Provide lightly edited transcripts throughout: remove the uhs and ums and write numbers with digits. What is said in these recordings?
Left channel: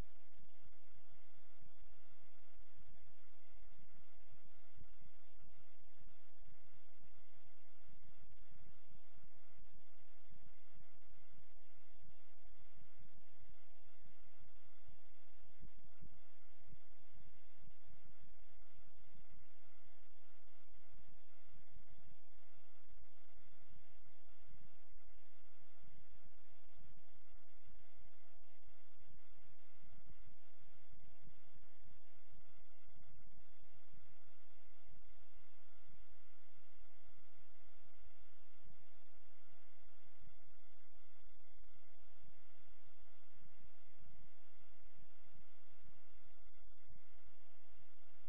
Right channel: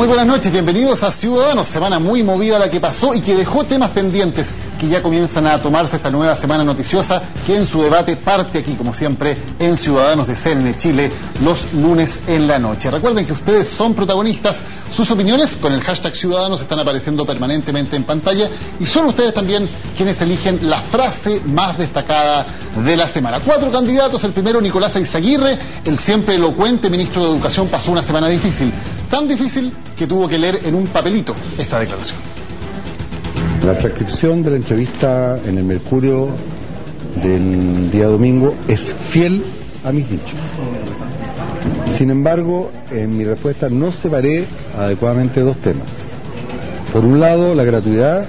Muy buenas noches, bienvenidos a Ciudadanos, semana muy movida la que pasó y que dejó temas pendientes que ya comienzan a tomarse esta nueva semana noticiosa que en su debate parte aquí como siempre en Ciudadanos de CNN Chile los lunes en la noche. Recuerden que ustedes son protagonistas, sus opiniones con el hashtag Ciudadanos están apareciendo permanentemente en pantalla y son ustedes también quienes eligen la frase más destacada de la semana. 4 candidatos, el primero Nicolás Eyzaguirre, el siempre elocuente ministro de Educación pasó una semana difícil, tan difícil que tuvo que leer en un papelito esta declaración. La transcripción de la entrevista en el Mercurio del día domingo es fiel a mis dichos. Sin embargo, en mi respuesta no separé adecuadamente dos temas. Por un lado, la gratuidad,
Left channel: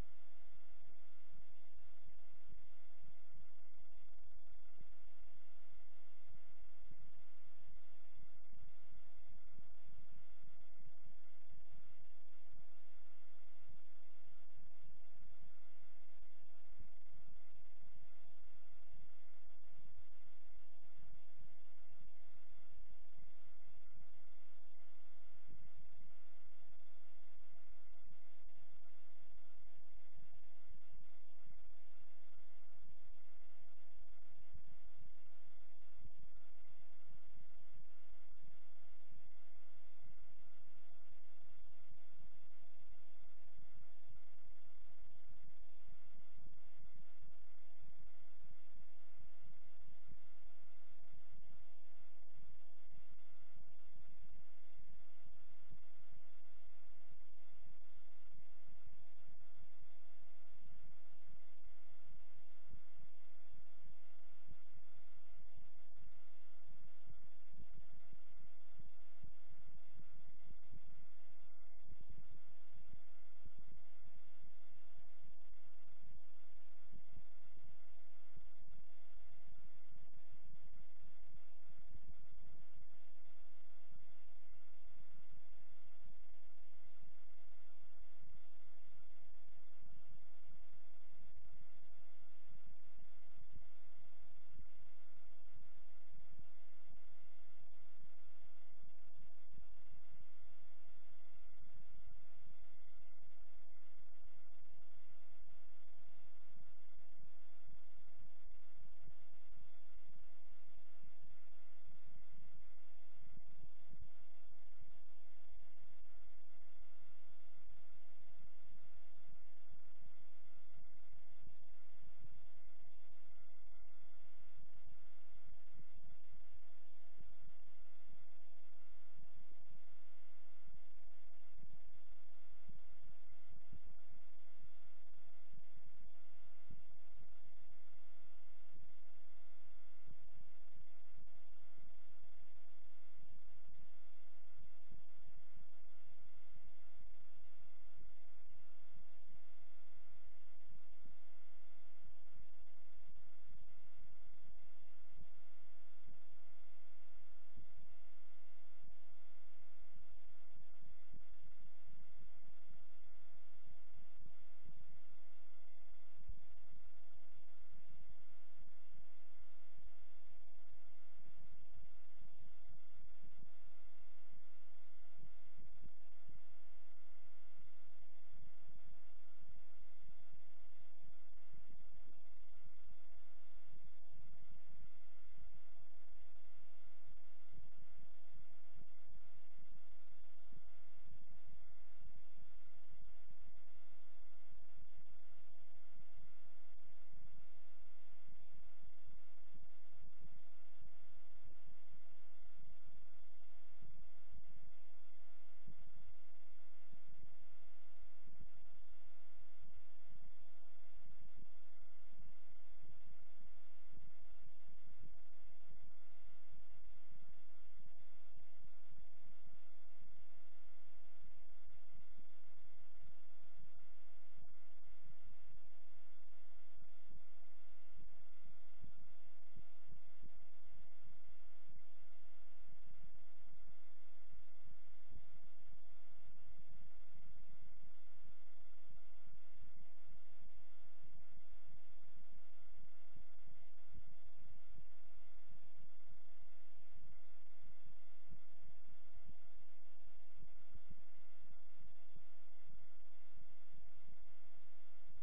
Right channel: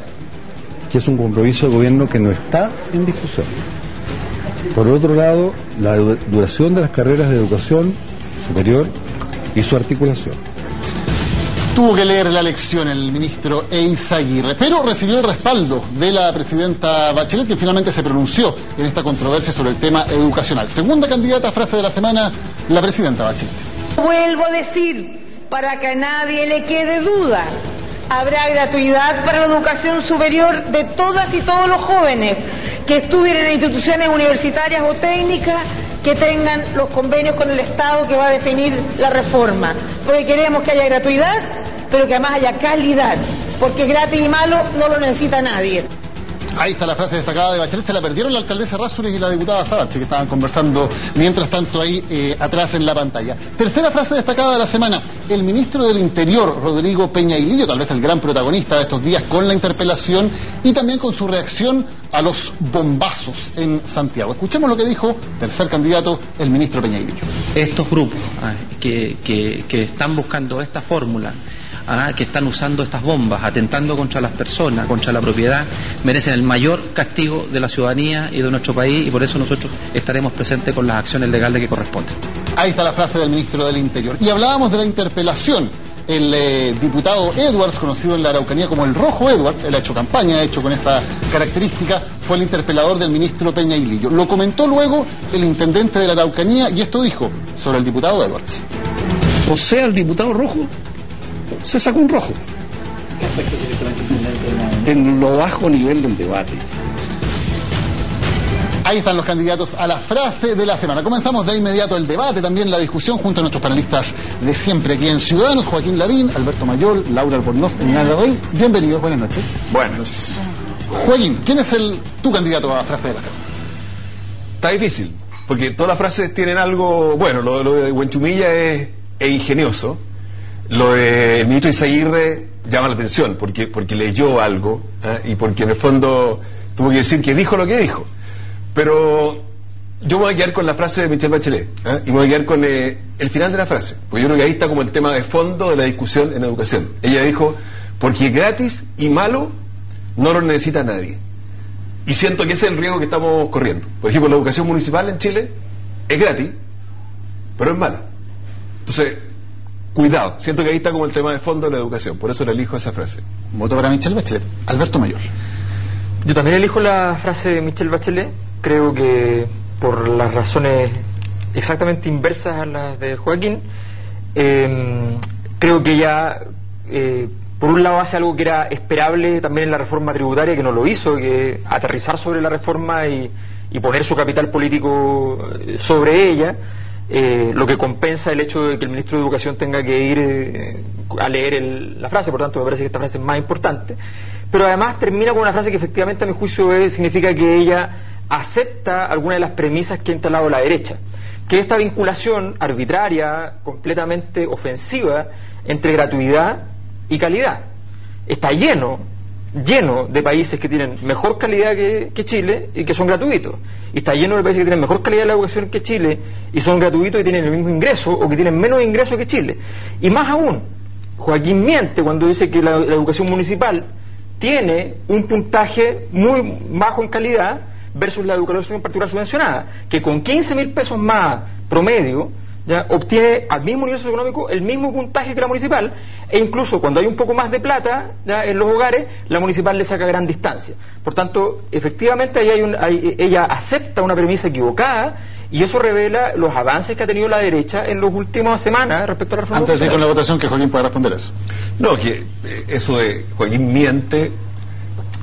que es un compromiso de gobierno que no está en discusión. Por otro lado, la duración de las carreras de educación superior y su articulación. Tuvo que leer la lección el ministro Eyzaguirre, pero recibió el respaldo de la presidenta Bachelet, que finalmente se pronunció en esta controversia sobre el tema educacional. Segunda candidata a frase de la semana, la presidenta Bachelet. Vuelvo a decir, para que a nadie le quede duda, habrá gratuidad para la educación superior de todas y todos los jóvenes que estudien en instituciones universitarias o técnicas que tengan los convenios con el Estado que va a definir la reforma. Porque queremos que haya gratuidad, pero que además haya calidad, porque gratis y malo no lo necesita nadie. Ahí está la frase destacada de Bachelet, se la perdieron la alcaldesa Errázuriz y la diputada Sabache, que estaban conversando mientras tanto ahí atrás en la pantalla. Tercera frase destacada de la semana, el ministro del Interior, Rodrigo Peña Ilillo, tal vez el gran protagonista de estos días con la interpelación y también con su reacción a los bombazos en Santiago. Escuchemos lo que dijo, tercer candidato, el ministro Peña Ilillo. Estos grupos que están buscando esta fórmula, que están usando estas bombas, atentando contra las personas, contra la propiedad, merecen el mayor castigo de la ciudadanía y de nuestro país, y por eso nosotros estaremos presentes con las acciones legales que corresponden. Ahí está la frase del ministro del Interior. Y hablábamos de la interpelación. El diputado Edwards, conocido en la Araucanía como el Rojo Edwards, él ha hecho campaña, ha hecho con esa característica, fue el interpelador del ministro Peña Ilillo. Lo comentó luego el intendente de la Araucanía y esto dijo sobre el diputado Edwards. O sea, el diputado Rojo se sacó un rojo en lo bajo nivel del debate. Ahí están los candidatos a la frase de la semana. Comenzamos de inmediato el debate, también la discusión junto a nuestros panelistas de siempre aquí en Ciudadanos, Joaquín Lavín, Alberto Mayol, Laura Albornoz y Nara Rey. Bienvenidos, buenas noches. Buenas noches. Joaquín, ¿quién es tu candidato a la frase de la semana? Está difícil, porque todas las frases tienen algo, bueno, lo de Huenchumilla es ingenioso. Lo del ministro Eyzaguirre llama la atención porque leyó algo y porque en el fondo tuvo que decir que dijo lo que dijo. Pero yo me voy a quedar con la frase de Michelle Bachelet y me voy a quedar con el final de la frase, porque yo creo que ahí está como el tema de fondo de la discusión en educación. Ella dijo, porque gratis y malo no lo necesita nadie. Y siento que ese es el riesgo que estamos corriendo. Por ejemplo, la educación municipal en Chile es gratis, pero es mala. Entonces, cuidado, siento que ahí está como el tema de fondo de la educación, por eso le elijo esa frase. Voto para Michelle Bachelet. Alberto Mayor. Yo también elijo la frase de Michelle Bachelet, creo que por las razones exactamente inversas a las de Joaquín. Creo que ella, por un lado, hace algo que era esperable también en la reforma tributaria, que no lo hizo, que aterrizar sobre la reforma y poner su capital político sobre ella. Lo que compensa el hecho de que el ministro de Educación tenga que ir a leer la frase, por tanto me parece que esta frase es más importante, pero además termina con una frase que efectivamente a mi juicio significa que ella acepta algunas de las premisas que ha instalado la derecha, que esta vinculación arbitraria, completamente ofensiva entre gratuidad y calidad. Está lleno de países que tienen mejor calidad que Chile y que son gratuitos, y está lleno de países que tienen mejor calidad de la educación que Chile y son gratuitos y tienen el mismo ingreso o que tienen menos ingreso que Chile. Y más aún, Joaquín miente cuando dice que la educación municipal tiene un puntaje muy bajo en calidad versus la educación particular subvencionada, que con 15.000 pesos más promedio ya obtiene al mismo nivel socioeconómico el mismo puntaje que la municipal, e incluso cuando hay un poco más de plata ya en los hogares, la municipal le saca gran distancia. Por tanto, efectivamente ahí ella acepta una premisa equivocada Y eso revela los avances que ha tenido la derecha en las últimas semanas respecto a la reforma. Antes de ir con la votación, que Joaquín pueda responder eso. No, que eso de Joaquín miente.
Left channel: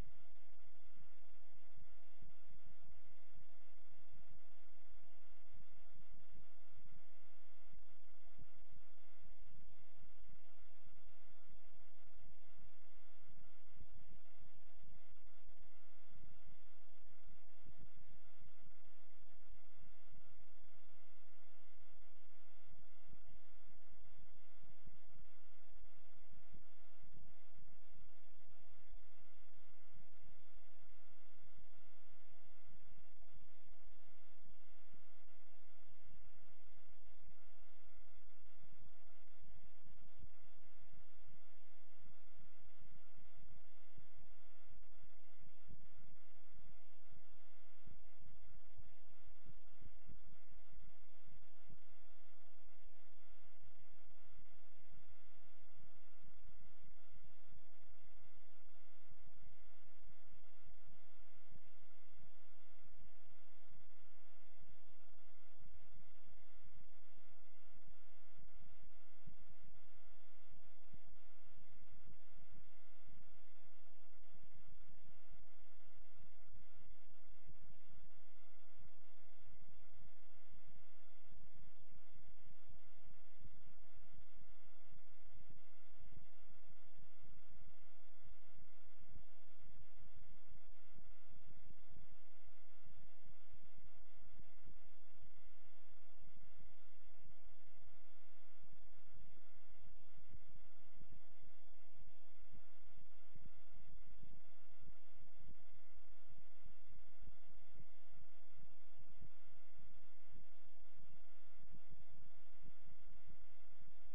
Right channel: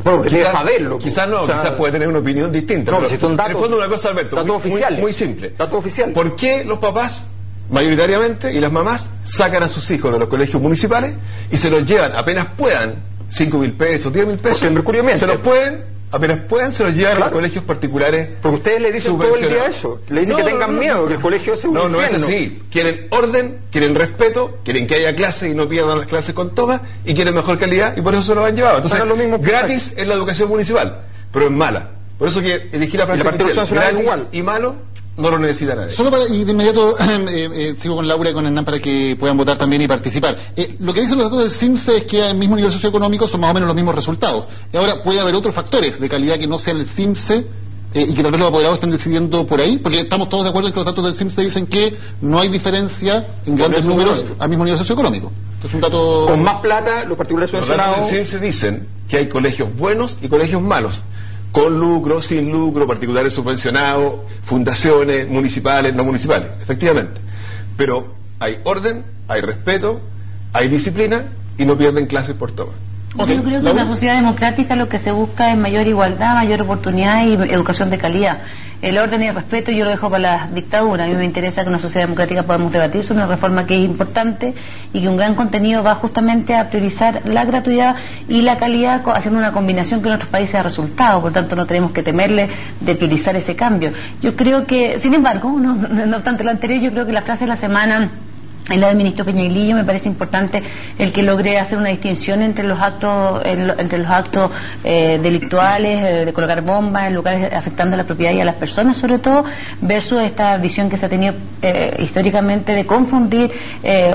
Bueno, quizás saberlo. Quizás no, quizás puede tener una opinión distinta. No, pero si son datos, en el fondo una cosa, Alberto, muy simple. Datos oficiales. ¿Por qué los papás, mayoritariamente, y las mamás, sacan a sus hijos de los colegios municipales y se los llevan apenas puedan, 5.000 pesos, 10.000 pesos? Porque el Mercurio miente. Se los pueden, apenas puedan, se los llevan a los colegios particulares. Porque ustedes le dicen todo el día eso. Le dicen que tengan miedo, que el colegio sea un infierno. No es así. Quieren orden, quieren respeto, quieren que haya clases y no pierdan las clases con todas, y quieren mejor calidad, y por eso se los han llevado. Entonces, lo mismo gratis es la educación municipal, pero es mala. Por eso que elegí la frase gratis y malo no lo necesita nadie. Solo para, y de inmediato sigo con Laura y con Hernán para que puedan votar también y participar. Lo que dicen los datos del CIMSE es que al mismo nivel socioeconómico son más o menos los mismos resultados. Y ahora puede haber otros factores de calidad que no sean el CIMSE y que tal vez los apoderados estén decidiendo por ahí, porque estamos todos de acuerdo en que los datos del CIMSE dicen que no hay diferencia en grandes números al mismo nivel socioeconómico. Entonces un dato... Con más plata, los particulares son... Los datos del CIMSE dicen que hay colegios buenos y colegios malos, con lucro, sin lucro, particulares subvencionados, fundaciones municipales, no municipales, efectivamente. Pero hay orden, hay respeto, hay disciplina y no pierden clases por toma. Yo creo que en una sociedad democrática lo que se busca es mayor igualdad, mayor oportunidad y educación de calidad. El orden y el respeto yo lo dejo para la dictadura. A mí me interesa que en una sociedad democrática podamos debatir sobre una reforma que es importante y que un gran contenido va justamente a priorizar la gratuidad y la calidad, haciendo una combinación que en otros países ha resultado. Por tanto, no tenemos que temerle de priorizar ese cambio. Yo creo que, sin embargo, no obstante lo anterior, yo creo que la frase de la semana en la del ministro Peñailillo me parece importante el que logre hacer una distinción entre los actos delictuales, de colocar bombas en lugares afectando a la propiedad y a las personas sobre todo, versus esta visión que se ha tenido históricamente de confundir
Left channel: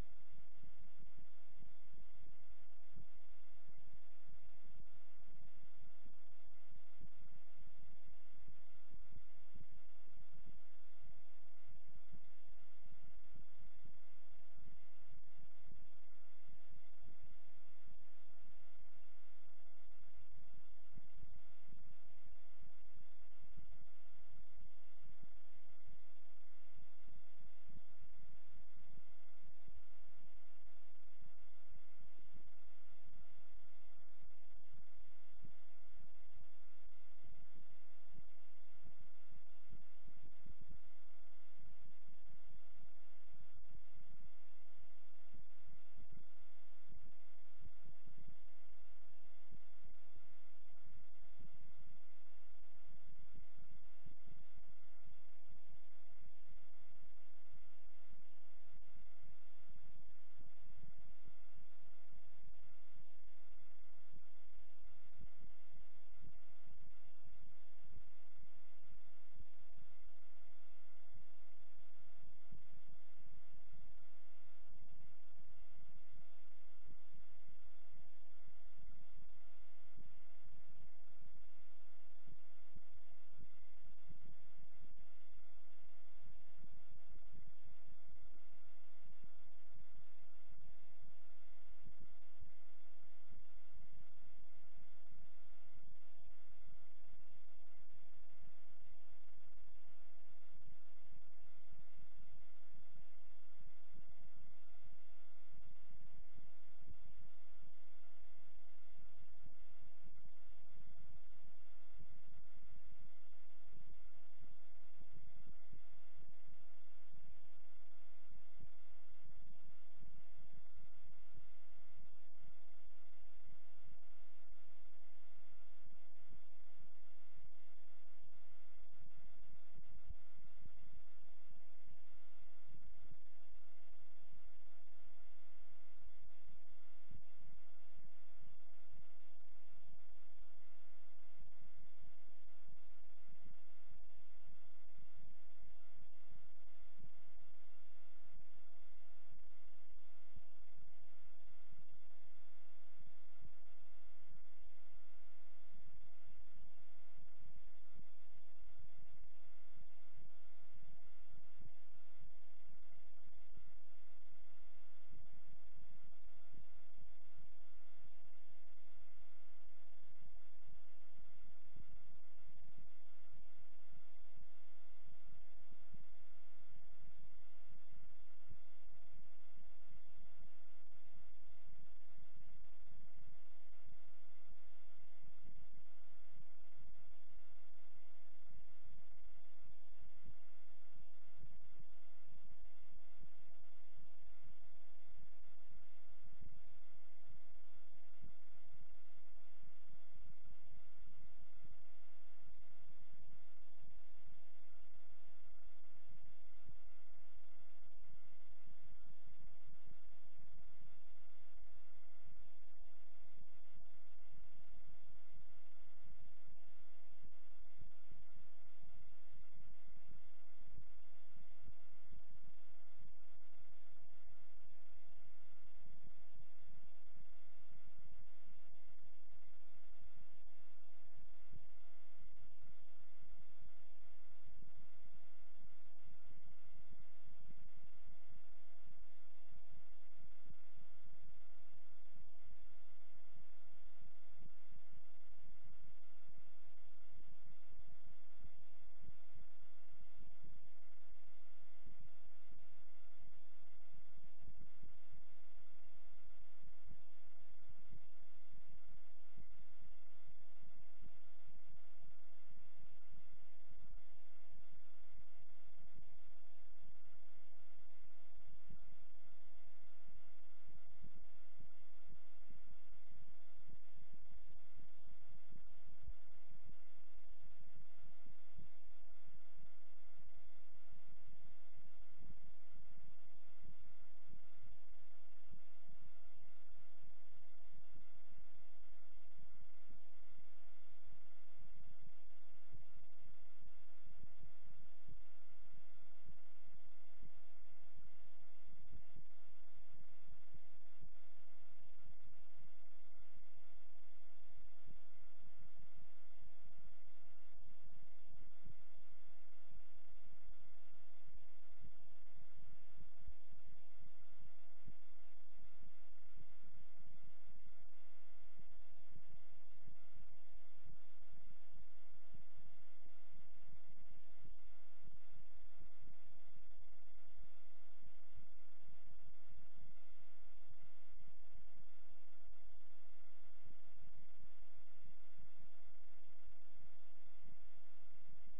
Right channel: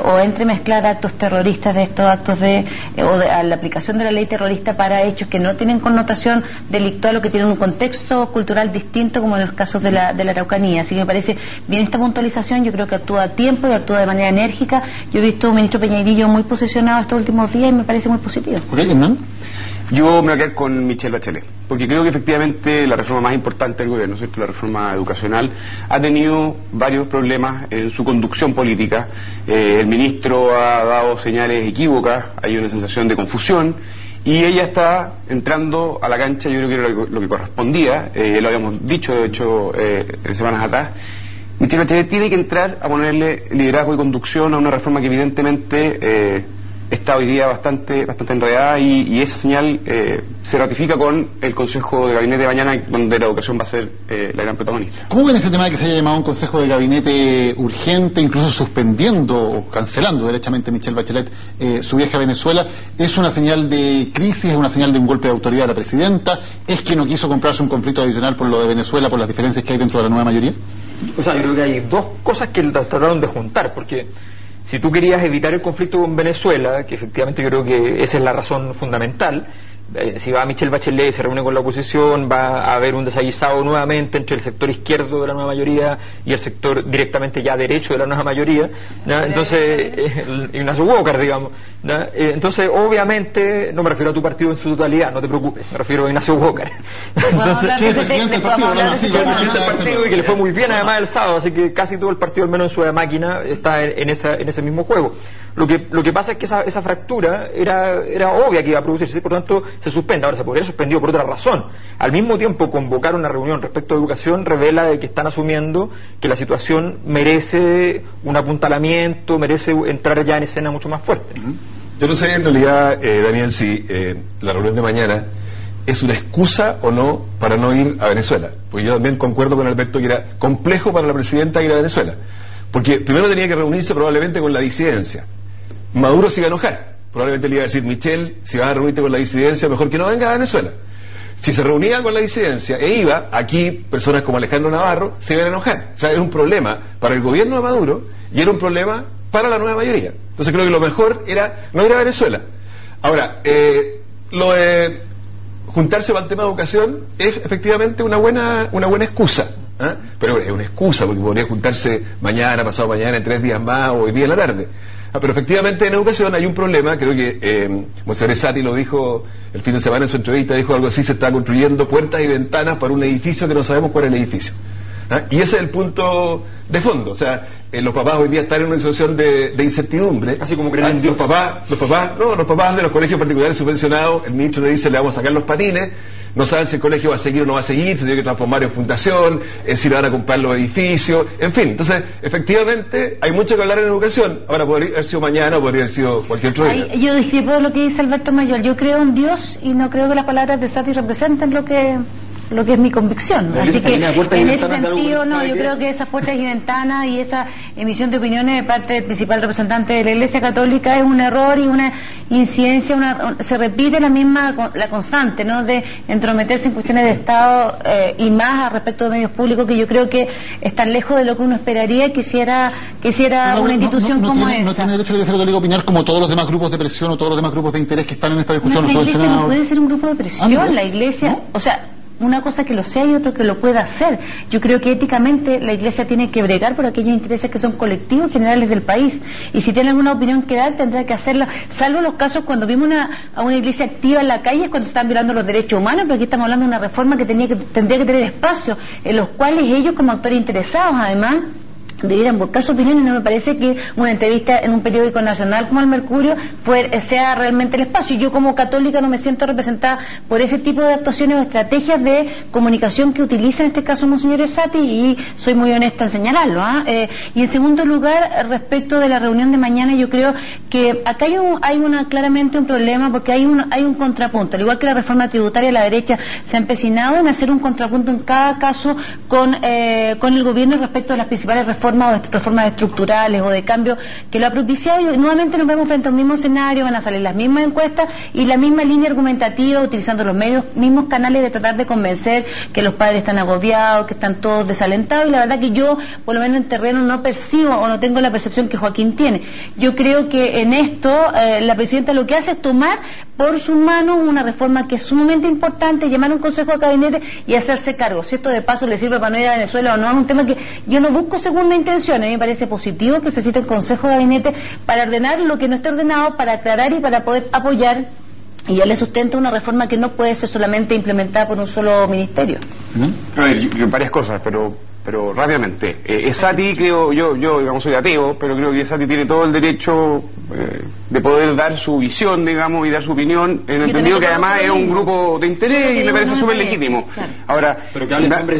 o entremezclar actos terroristas de estos actos a la aplicación de la ley terrorista para hechos que no tienen connotación delictual o que tienen un contexto cultural distinto, como en los casos de la Araucanía. Así que me parece bien esta puntualización. Yo creo que actúa a tiempo y actúa de manera enérgica. Yo he visto a un ministro Peñailillo muy posicionado estos últimos días y me parece muy positivo. ¿Hernán? Yo me voy a quedar con Michelle Bachelet, porque creo que efectivamente la reforma más importante del gobierno, ¿cierto?, la reforma educacional, ha tenido varios problemas en su conducción política. El ministro ha dado señales equívocas, hay una sensación de confusión, y ella está entrando a la cancha, yo creo que era lo que correspondía, lo habíamos dicho, de hecho, semanas atrás. Michelle Bachelet tiene que entrar a ponerle liderazgo y conducción a una reforma que evidentemente está hoy día bastante enredada y esa señal se ratifica con el Consejo de Gabinete de mañana, donde la educación va a ser la gran protagonista. ¿Cómo ven ese tema de que se haya llamado un Consejo de Gabinete urgente, incluso suspendiendo o cancelando derechamente Michelle Bachelet su viaje a Venezuela? ¿Es una señal de crisis, es una señal de un golpe de autoridad de la presidenta? ¿Es que no quiso comprarse un conflicto adicional por lo de Venezuela, por las diferencias que hay dentro de la nueva mayoría? O sea, yo creo que hay dos cosas que trataron de juntar, porque si tú querías evitar el conflicto con Venezuela, que efectivamente yo creo que esa es la razón fundamental, si va Michelle Bachelet y se reúne con la oposición, va a haber un desaguisado nuevamente entre el sector izquierdo de la nueva mayoría y el sector directamente ya derecho de la nueva mayoría, ¿no? Entonces, Ignacio Walker, digamos, ¿no? Entonces, obviamente, no me refiero a tu partido en su totalidad, no te preocupes, me refiero a Ignacio Walker. Entonces, que es presidente del partido, presidente del partido y que le fue muy bien además el sábado, así que casi todo el partido, al menos en su máquina, está en ese mismo juego. Lo que pasa es que esa fractura era obvia que iba a producirse, por lo tanto se suspende. Ahora se podría haber suspendido por otra razón. Al mismo tiempo, convocar una reunión respecto a educación revela de que están asumiendo que la situación merece un apuntalamiento, merece entrar ya en escena mucho más fuerte. Yo no sé en realidad, Daniel, si la reunión de mañana es una excusa o no para no ir a Venezuela, porque yo también concuerdo con Alberto que era complejo para la presidenta ir a Venezuela, porque primero tenía que reunirse probablemente con la disidencia. Maduro se iba a enojar, probablemente le iba a decir: Michelle, si vas a reunirte con la disidencia, mejor que no vengas a Venezuela. Si se reunía con la disidencia e iba, aquí personas como Alejandro Navarro se iban a enojar. O sea, era un problema para el gobierno de Maduro y era un problema para la nueva mayoría. Entonces creo que lo mejor era no ir a Venezuela. Ahora, lo de juntarse para el tema de educación es efectivamente una buena excusa, ¿eh? Pero es una excusa porque podría juntarse mañana, pasado mañana, en 3 días más o hoy día en la tarde. Pero efectivamente en educación hay un problema. Creo que Monserrat Sati lo dijo el fin de semana en su entrevista, dijo algo así: se está construyendo puertas y ventanas para un edificio que no sabemos cuál es el edificio. Y ese es el punto de fondo. O sea, los papás hoy día están en una situación de incertidumbre. Así como creen en Dios. Los papás de los colegios particulares subvencionados, el ministro le dice le vamos a sacar los patines, no saben si el colegio va a seguir o no va a seguir, si tiene que transformar en fundación, si le van a comprar los edificios, en fin. Entonces, efectivamente, hay mucho que hablar en educación. Ahora, podría haber sido mañana o podría haber sido cualquier otro día. Yo discrepo de lo que dice Alberto Mayor. Yo creo en Dios y no creo que las palabras de Sati representen lo que es mi convicción. Así que en ese sentido, no, yo creo que esas puertas y ventanas y esa emisión de opiniones de parte del principal representante de la Iglesia Católica es un error y una incidencia, se repite la constante, ¿no?, de entrometerse en cuestiones de Estado y más respecto de medios públicos, que yo creo que están lejos de lo que uno esperaría y quisiera una institución como esa. No tiene derecho la Iglesia Católica a opinar como todos los demás grupos de presión o todos los demás grupos de interés que están en esta discusión. La Iglesia no puede ser un grupo de presión, la Iglesia, ¿no? O sea, una cosa que lo sea y otro que lo pueda hacer. Yo creo que éticamente la Iglesia tiene que bregar por aquellos intereses que son colectivos generales del país, y si tiene alguna opinión que dar tendrá que hacerla, salvo los casos cuando vimos a una Iglesia activa en la calle cuando se están violando los derechos humanos, pero aquí estamos hablando de una reforma que tendría que tener espacios en los cuales ellos, como actores interesados, además debieran buscar su opinión, y no me parece que una entrevista en un periódico nacional como el Mercurio sea realmente el espacio. Yo como católica no me siento representada por ese tipo de actuaciones o estrategias de comunicación que utiliza en este caso Monseñor Sati, y soy muy honesta en señalarlo. Y en segundo lugar, respecto de la reunión de mañana, yo creo que acá hay claramente un problema, porque hay un contrapunto. Al igual que la reforma tributaria, la derecha se ha empecinado en hacer un contrapunto en cada caso con el gobierno respecto a las principales reformas estructurales o de cambio que lo ha propiciado, y nuevamente nos vemos frente a un mismo escenario. Van a salir las mismas encuestas y la misma línea argumentativa, utilizando los mismos canales de tratar de convencer que los padres están agobiados, que están todos desalentados, y la verdad que yo, por lo menos en terreno, no percibo o no tengo la percepción que Joaquín tiene. Yo creo que en esto la presidenta lo que hace es tomar por sus manos una reforma que es sumamente importante, llamar a un consejo de gabinete y hacerse cargo. Si esto de paso le sirve para no ir a Venezuela o no, es un tema que yo no busco segunda intención. A mí me parece positivo que se cite el consejo de gabinete para ordenar lo que no esté ordenado, para aclarar y para poder apoyar, y ya le sustenta una reforma que no puede ser solamente implementada por un solo ministerio. A ver, varias cosas, pero rápidamente. Sati, creo yo, digamos, soy ateo, pero creo que Sati tiene todo el derecho de poder dar su visión, digamos, y dar su opinión, en el entendido que además es un grupo de interés y me parece súper legítimo. Claro. Ahora, pero que hable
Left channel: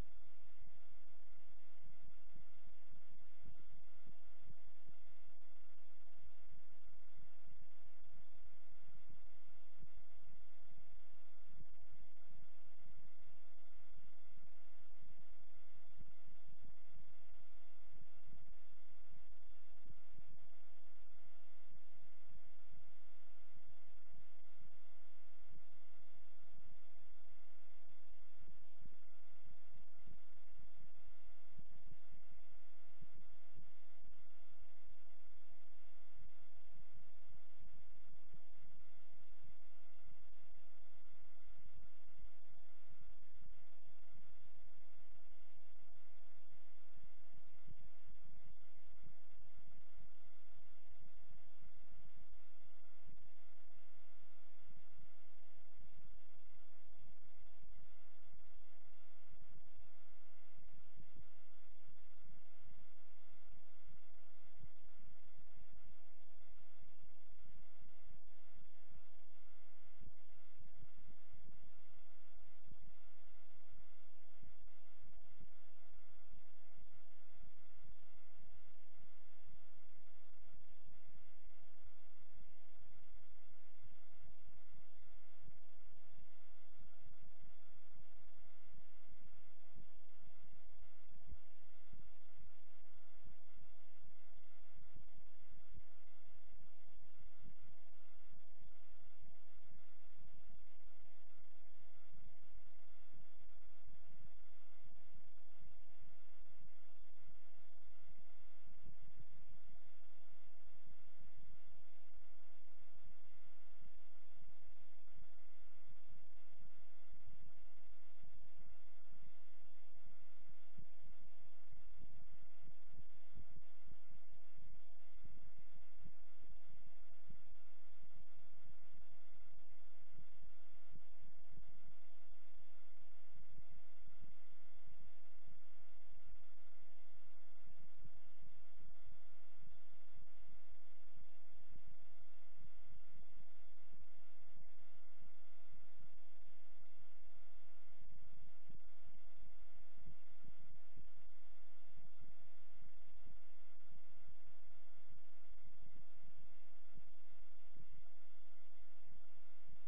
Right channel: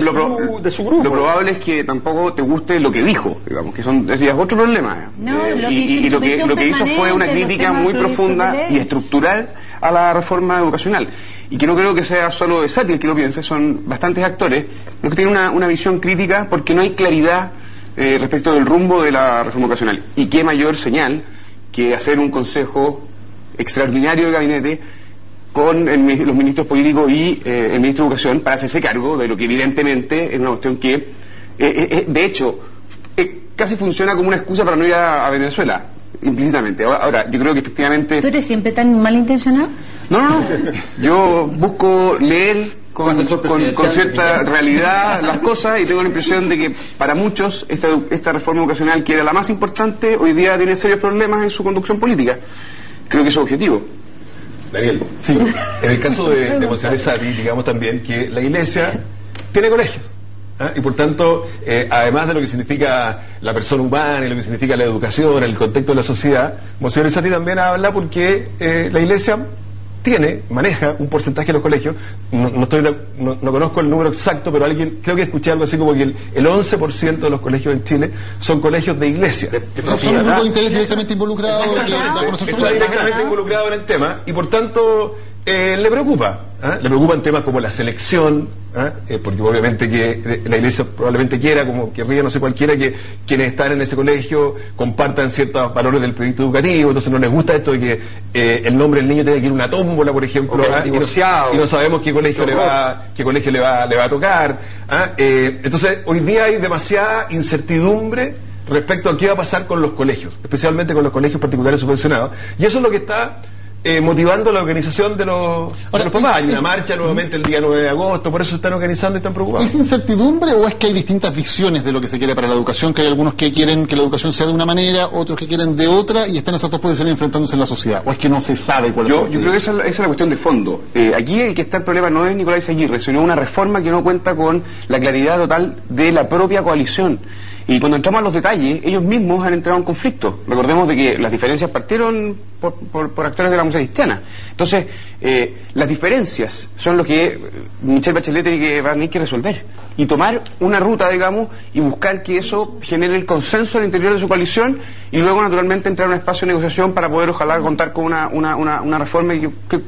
de su grupo. Lo probable es que tampoco te guste lo que dijo, digamos, que ese es otro problema. Y lo que hizo fue una crítica muy profunda y estructural a la reforma educacional. Y que no creo que sea solo de Sati el que lo piense, son bastantes actores los que tienen una visión crítica, porque no hay claridad respecto del rumbo de la reforma educacional. Y qué mayor señal que hacer un consejo extraordinario de gabinete con los ministros políticos y el ministro de Educación para hacerse cargo de lo que evidentemente es una cuestión que, de hecho, casi funciona como una excusa para no ir a Venezuela, implícitamente. Ahora, yo creo que efectivamente... ¿Tú eres siempre tan malintencionado? No. Yo busco leer con cierta realidad las cosas, y tengo la impresión de que para muchos esta reforma educacional, que era la más importante, hoy día tiene serios problemas en su conducción política. Creo que eso es objetivo. Daniel, sí, en el caso de Monseñor Sati, digamos también que la Iglesia tiene colegios. Y por tanto, además de lo que significa la persona humana y lo que significa la educación, el contexto de la sociedad, Monseñor Sati también habla porque la Iglesia maneja un porcentaje de los colegios. No conozco el número exacto, pero creo que escuché algo así como que el 11% de los colegios en Chile son colegios de iglesia. Son un grupo de interés directamente involucrado. Está directamente involucrado en el tema, y por tanto le preocupa. Le preocupan temas como la selección, porque obviamente que la Iglesia probablemente querría no sé cualquiera, que quienes están en ese colegio compartan ciertos valores del proyecto educativo. Entonces no les gusta esto de que el nombre del niño tenga que ir a una tómbola, por ejemplo, y no sabemos qué colegio le va a tocar. Entonces hoy día hay demasiada incertidumbre respecto a qué va a pasar con los colegios, especialmente con los colegios particulares subvencionados, y eso es lo que está motivando la organización de los papás. Hay una marcha nuevamente el día 9 de agosto, por eso se están organizando y están preocupados. ¿Es incertidumbre o es que hay distintas visiones de lo que se quiere para la educación? Que hay algunos que quieren que la educación sea de una manera, otros que quieren de otra, y están esas dos posiciones enfrentándose en la sociedad. ¿O es que no se sabe cuál es Yo creo que esa es la cuestión de fondo. Aquí el que está el problema no es Nicolás Izaguirre, sino una reforma que no cuenta con la claridad total de la propia coalición. Y cuando entramos a los detalles, ellos mismos han entrado en conflicto. Recordemos de que las diferencias partieron por actores de la democracia cristiana. Entonces, las diferencias son lo que Michelle Bachelet tiene que, va a tener que resolver. Y tomar una ruta, digamos, y buscar que eso genere el consenso al interior de su coalición, y luego, naturalmente, entrar en un espacio de negociación para poder, ojalá, contar con una reforma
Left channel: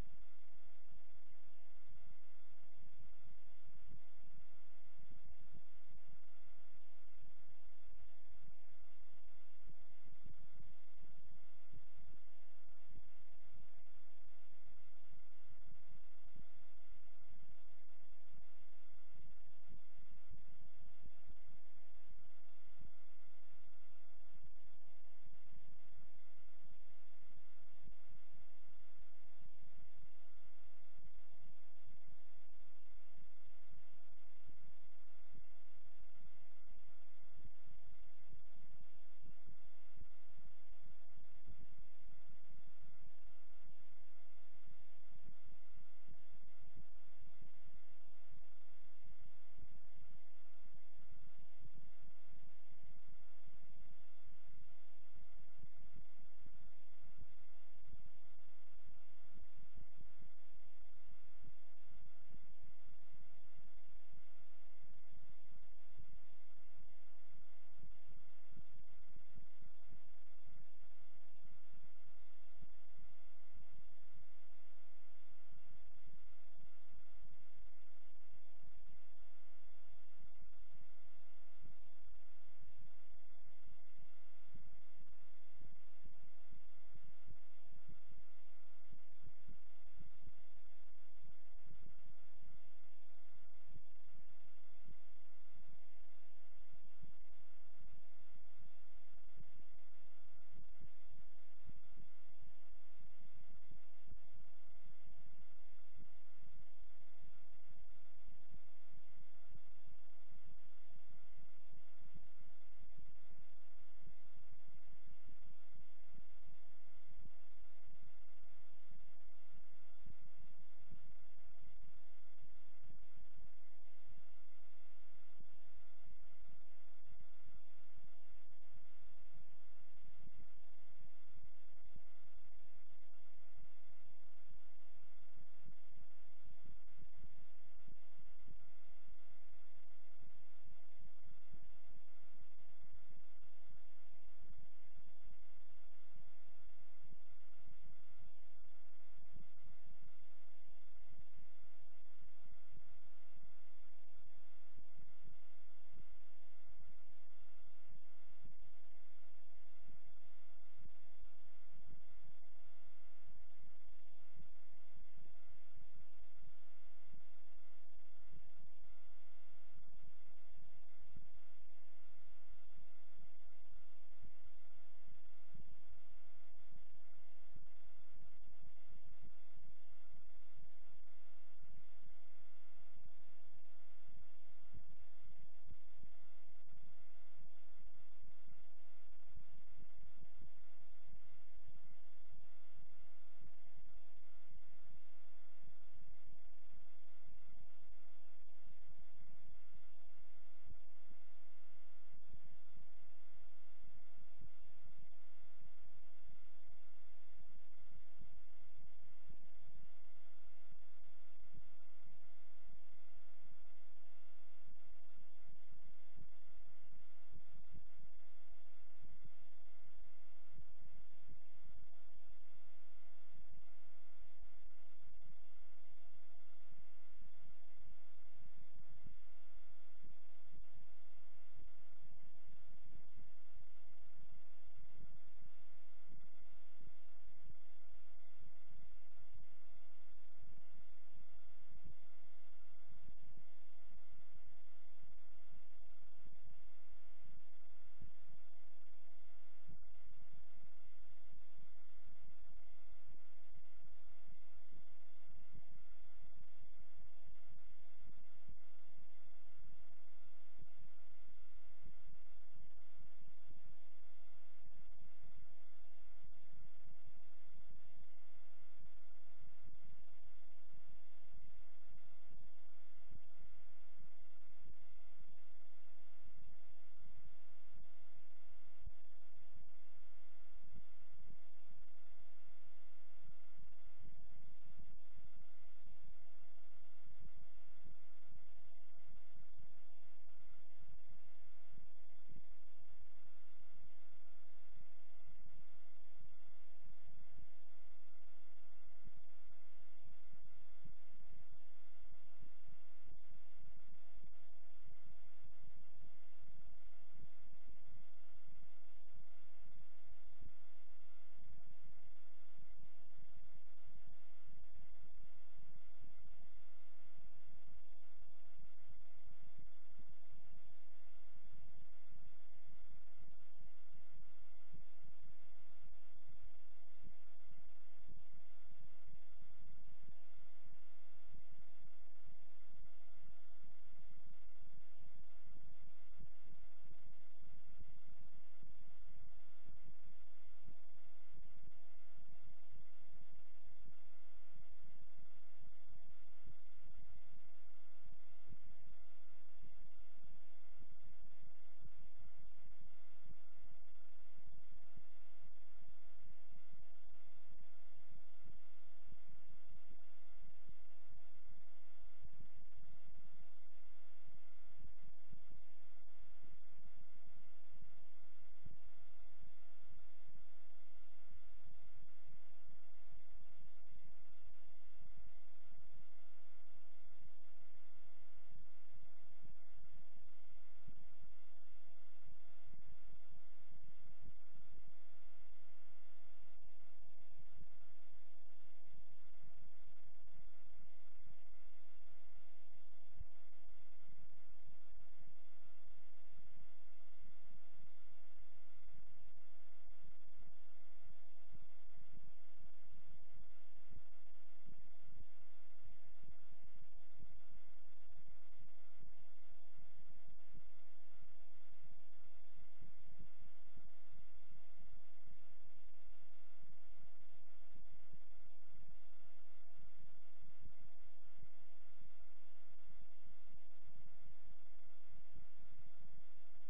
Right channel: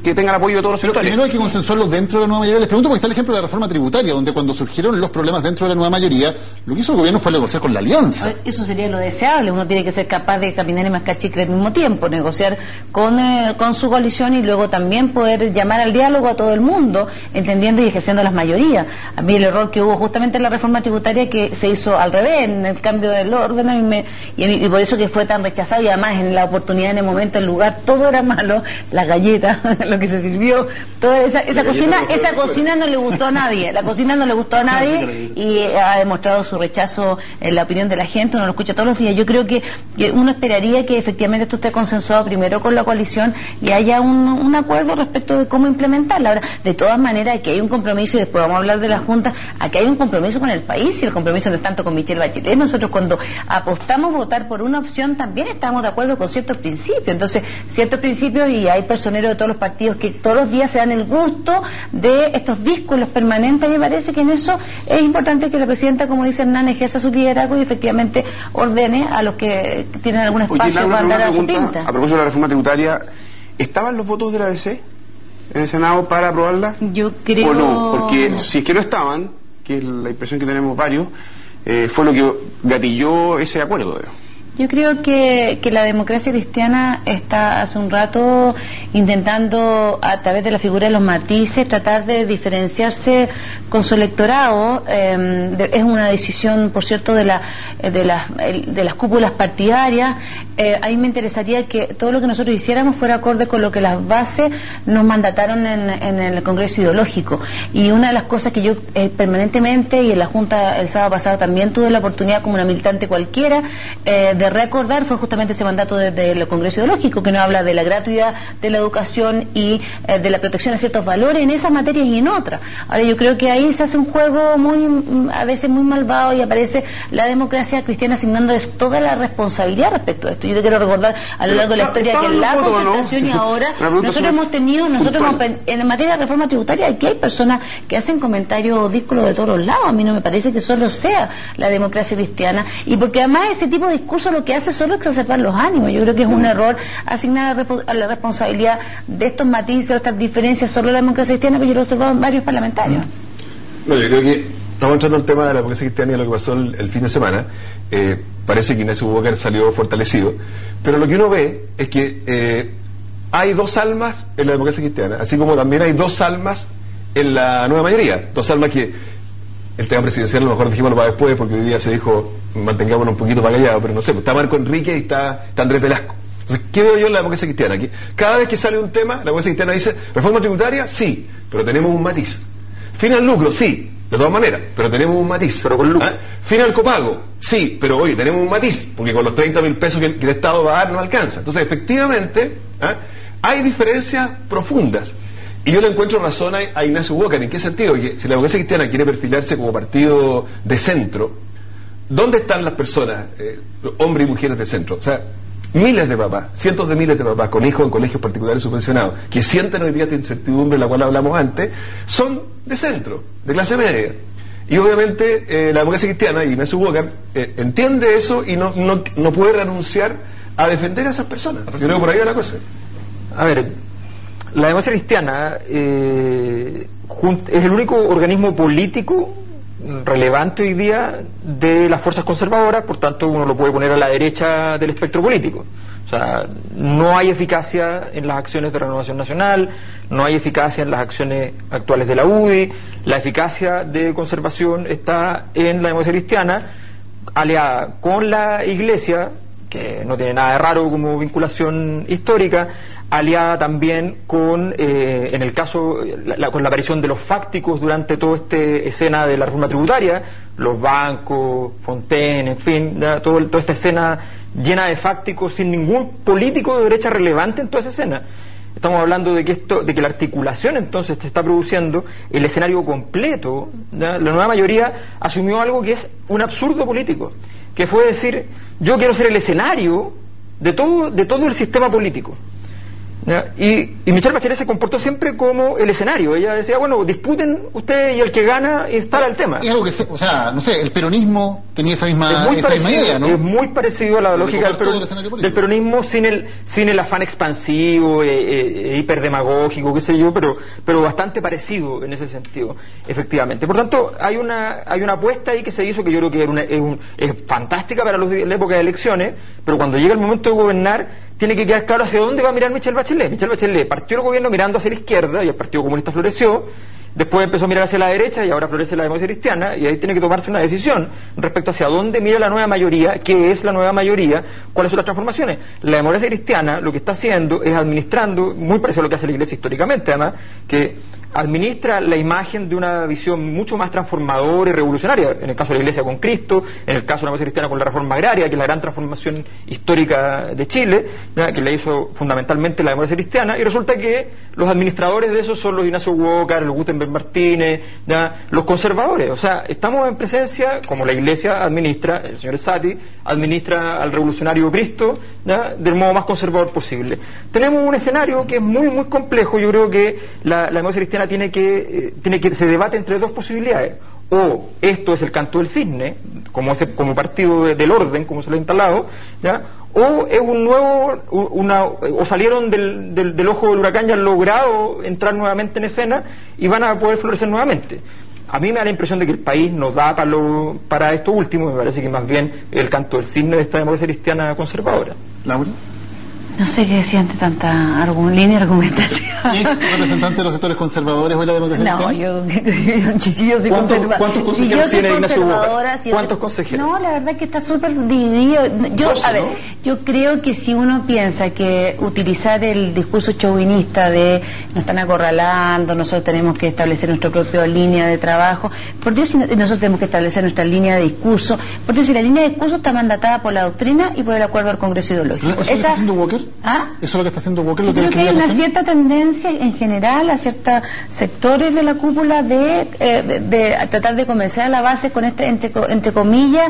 que tenga el apoyo de todos los sectores. Primero hay que consensuarlo dentro de la nueva mayoría. Les pregunto porque está el ejemplo de la reforma tributaria, donde cuando surgieron los problemas dentro de la nueva mayoría, lo que hizo el gobierno fue negociar con la alianza. Eso sería lo deseable. Uno tiene que ser capaz de caminar y mascar chicle al mismo tiempo, negociar con su coalición y luego también poder llamar al diálogo a todo el mundo, entendiendo y ejerciendo las mayorías. A mí el error que hubo justamente en la reforma tributaria, que se hizo al revés, en el cambio del orden, y por eso que fue tan rechazado, y además en la oportunidad, en el momento, el lugar, todo era malo, las galletas, lo que se sirvió, toda esa cocina no le gustó a nadie, la cocina no le gustó a nadie, y ha demostrado su rechazo en la opinión de la gente. Uno lo escucha todos los días. Yo creo que uno esperaría que efectivamente esto esté consensuado primero con la coalición y haya un acuerdo respecto de cómo implementarla. Ahora, de todas maneras, aquí hay un compromiso, y después vamos a hablar de la Junta, aquí hay un compromiso con el país, y el compromiso no es tanto con Michelle Bachelet. Nosotros, cuando apostamos a votar por una opción, también estamos de acuerdo con ciertos principios. Entonces, ciertos principios, y hay personeros de todos los partidos que todos los días se dan el gusto de estos vínculos permanentes. Me parece que en eso es importante que la presidenta, como dice Hernán, ejerza su liderazgo y efectivamente ordene a los que tienen algún espacio para andar a su pinta. A propósito de la reforma tributaria, ¿estaban los votos de la ADC en el Senado para aprobarla? Yo creo... ¿O no? Porque si es que no estaban, que es la impresión que tenemos varios, fue lo que gatilló ese acuerdo. Yo creo que la democracia cristiana está hace un rato intentando, a través de la figura de los matices, tratar de diferenciarse con su electorado. Es una decisión, por cierto, de las cúpulas partidarias. A mí me interesaría que todo lo que nosotros hiciéramos fuera acorde con lo que las bases nos mandataron en el Congreso Ideológico. Y una de las cosas que yo permanentemente, y en la Junta el sábado pasado también tuve la oportunidad, como una militante cualquiera, de recordar, fue justamente ese mandato del Congreso Ideológico, que nos habla de la gratuidad de la educación y de la protección a ciertos valores en esas materias y en otras. Ahora, yo creo que ahí se hace un juego a veces muy malvado, y aparece la democracia cristiana asignándoles toda la responsabilidad respecto a esto. Yo te quiero recordar a lo largo de la historia que la concertación, ¿no? Y ahora nosotros hemos tenido, en materia de reforma tributaria, aquí hay personas que hacen comentarios díscolos de todos los lados. A mí no me parece que solo sea la democracia cristiana, y porque además ese tipo de discurso lo que hace solo es exacerbar los ánimos. Yo creo que es un error asignar a la responsabilidad de estos matices, de estas diferencias, solo a la democracia cristiana, que yo lo he observado en varios parlamentarios. No, yo creo que estamos entrando en el tema de la democracia cristiana y lo que pasó el fin de semana. Parece que Ignacio Walker salió fortalecido, pero lo que uno ve es que hay dos almas en la democracia cristiana, así como también hay dos almas en la nueva mayoría. Dos almas que el tema presidencial a lo mejor dijimos para después, porque hoy día se dijo mantengámonos un poquito para allá, pero no sé, pues está Marco Enrique y está Andrés Velasco. Entonces, ¿qué veo yo en la democracia cristiana? Que cada vez que sale un tema, la democracia cristiana dice, reforma tributaria, sí, pero tenemos un matiz. Fin al lucro, sí, de todas maneras, pero tenemos un matiz. Pero con lucro. Fin al copago, sí, pero oye, tenemos un matiz, porque con los 30.000 pesos que el Estado va a dar no alcanza. Entonces, efectivamente, hay diferencias profundas. Y yo le encuentro razón a Ignacio Walker. ¿En qué sentido? Que si la democracia cristiana quiere perfilarse como partido de centro, ¿dónde están las personas, hombres y mujeres de centro? O sea, miles de papás, cientos de miles de papás con hijos en colegios particulares subvencionados, que sienten hoy día esta incertidumbre de la cual hablamos antes, son de centro, de clase media. Y obviamente la democracia cristiana, y Ignacio Walker, entiende eso y no puede renunciar a defender a esas personas. Yo creo que por ahí va la cosa. A ver, la democracia cristiana es el único organismo político relevante hoy día de las fuerzas conservadoras, por tanto uno lo puede poner a la derecha del espectro político. O sea, no hay eficacia en las acciones de Renovación Nacional, no hay eficacia en las acciones actuales de la UDI. La eficacia de conservación está en la democracia cristiana, aliada con la Iglesia, que no tiene nada de raro como vinculación histórica, aliada también con, en el caso, con la aparición de los fácticos durante toda esta escena de la reforma tributaria, los bancos, Fontaine, en fin, toda esta escena llena de fácticos sin ningún político de derecha relevante en toda esa escena. Estamos hablando de que la articulación entonces se está produciendo el escenario completo. La nueva mayoría asumió algo que es un absurdo político, que fue decir, yo quiero ser el escenario de todo el sistema político. Y Michelle Bachelet se comportó siempre como el escenario. Ella decía, bueno, disputen ustedes y el que gana instala el tema. Y algo que, o sea, no sé, el peronismo tenía esa misma idea, ¿no? Es muy parecido a la lógica del peronismo sin el afán expansivo, hiperdemagógico, qué sé yo, pero bastante parecido en ese sentido, efectivamente. Por tanto, hay una apuesta ahí que se hizo que yo creo que es fantástica para la época de elecciones, pero cuando llega el momento de gobernar, tiene que quedar claro hacia dónde va a mirar Michelle Bachelet. Michelle Bachelet partió el gobierno mirando hacia la izquierda y el Partido Comunista floreció, después empezó a mirar hacia la derecha y ahora florece la democracia cristiana, y ahí tiene que tomarse una decisión respecto hacia dónde mira la nueva mayoría, qué es la nueva mayoría, cuáles son las transformaciones. La democracia cristiana lo que está haciendo es administrando, muy parecido a lo que hace la Iglesia históricamente además, que administra la imagen de una visión mucho más transformadora y revolucionaria, en el caso de la Iglesia con Cristo, en el caso de la democracia cristiana con la reforma agraria, que es la gran transformación histórica de Chile, que la hizo fundamentalmente la democracia cristiana, y resulta que los administradores de eso son los Ignacio Walker, los Gutenberg Martínez, los conservadores. O sea, estamos en presencia, como la Iglesia administra, el señor Sati administra al revolucionario Cristo, del modo más conservador posible. Tenemos un escenario que es muy, muy complejo. Yo creo que la democracia cristiana tiene que se debate entre dos posibilidades: o esto es el canto del cisne, como partido del orden, como se lo ha instalado, o es un nuevo, o salieron del ojo del huracán y han logrado entrar nuevamente en escena y van a poder florecer nuevamente. A mí me da la impresión de que el país no da para esto último. Me parece que más bien el canto del cisne de esta democracia cristiana conservadora. Laura. No sé qué decía ante tanta línea argumentativa. ¿Es representante de los sectores conservadores o de la democracia cristiana? No, yo soy conservadora. ¿Cuántos consejeros tiene Ignacio Walker? ¿Cuántos consejeros? No, la verdad que está súper dividido. Yo creo que si uno piensa que utilizar el discurso chauvinista de nos están acorralando, nosotros tenemos que establecer nuestra propia línea de trabajo, por Dios, si nosotros tenemos que establecer nuestra línea de discurso, por Dios, si la línea de discurso está mandatada por la doctrina y por el acuerdo del Congreso Ideológico. ¿Eso está haciendo Walker? ¿Ah? ¿Eso es lo que está haciendo Walker? Creo que hay una cierta tendencia en general a ciertos sectores de la cúpula de tratar de convencer a la base con este, entre comillas,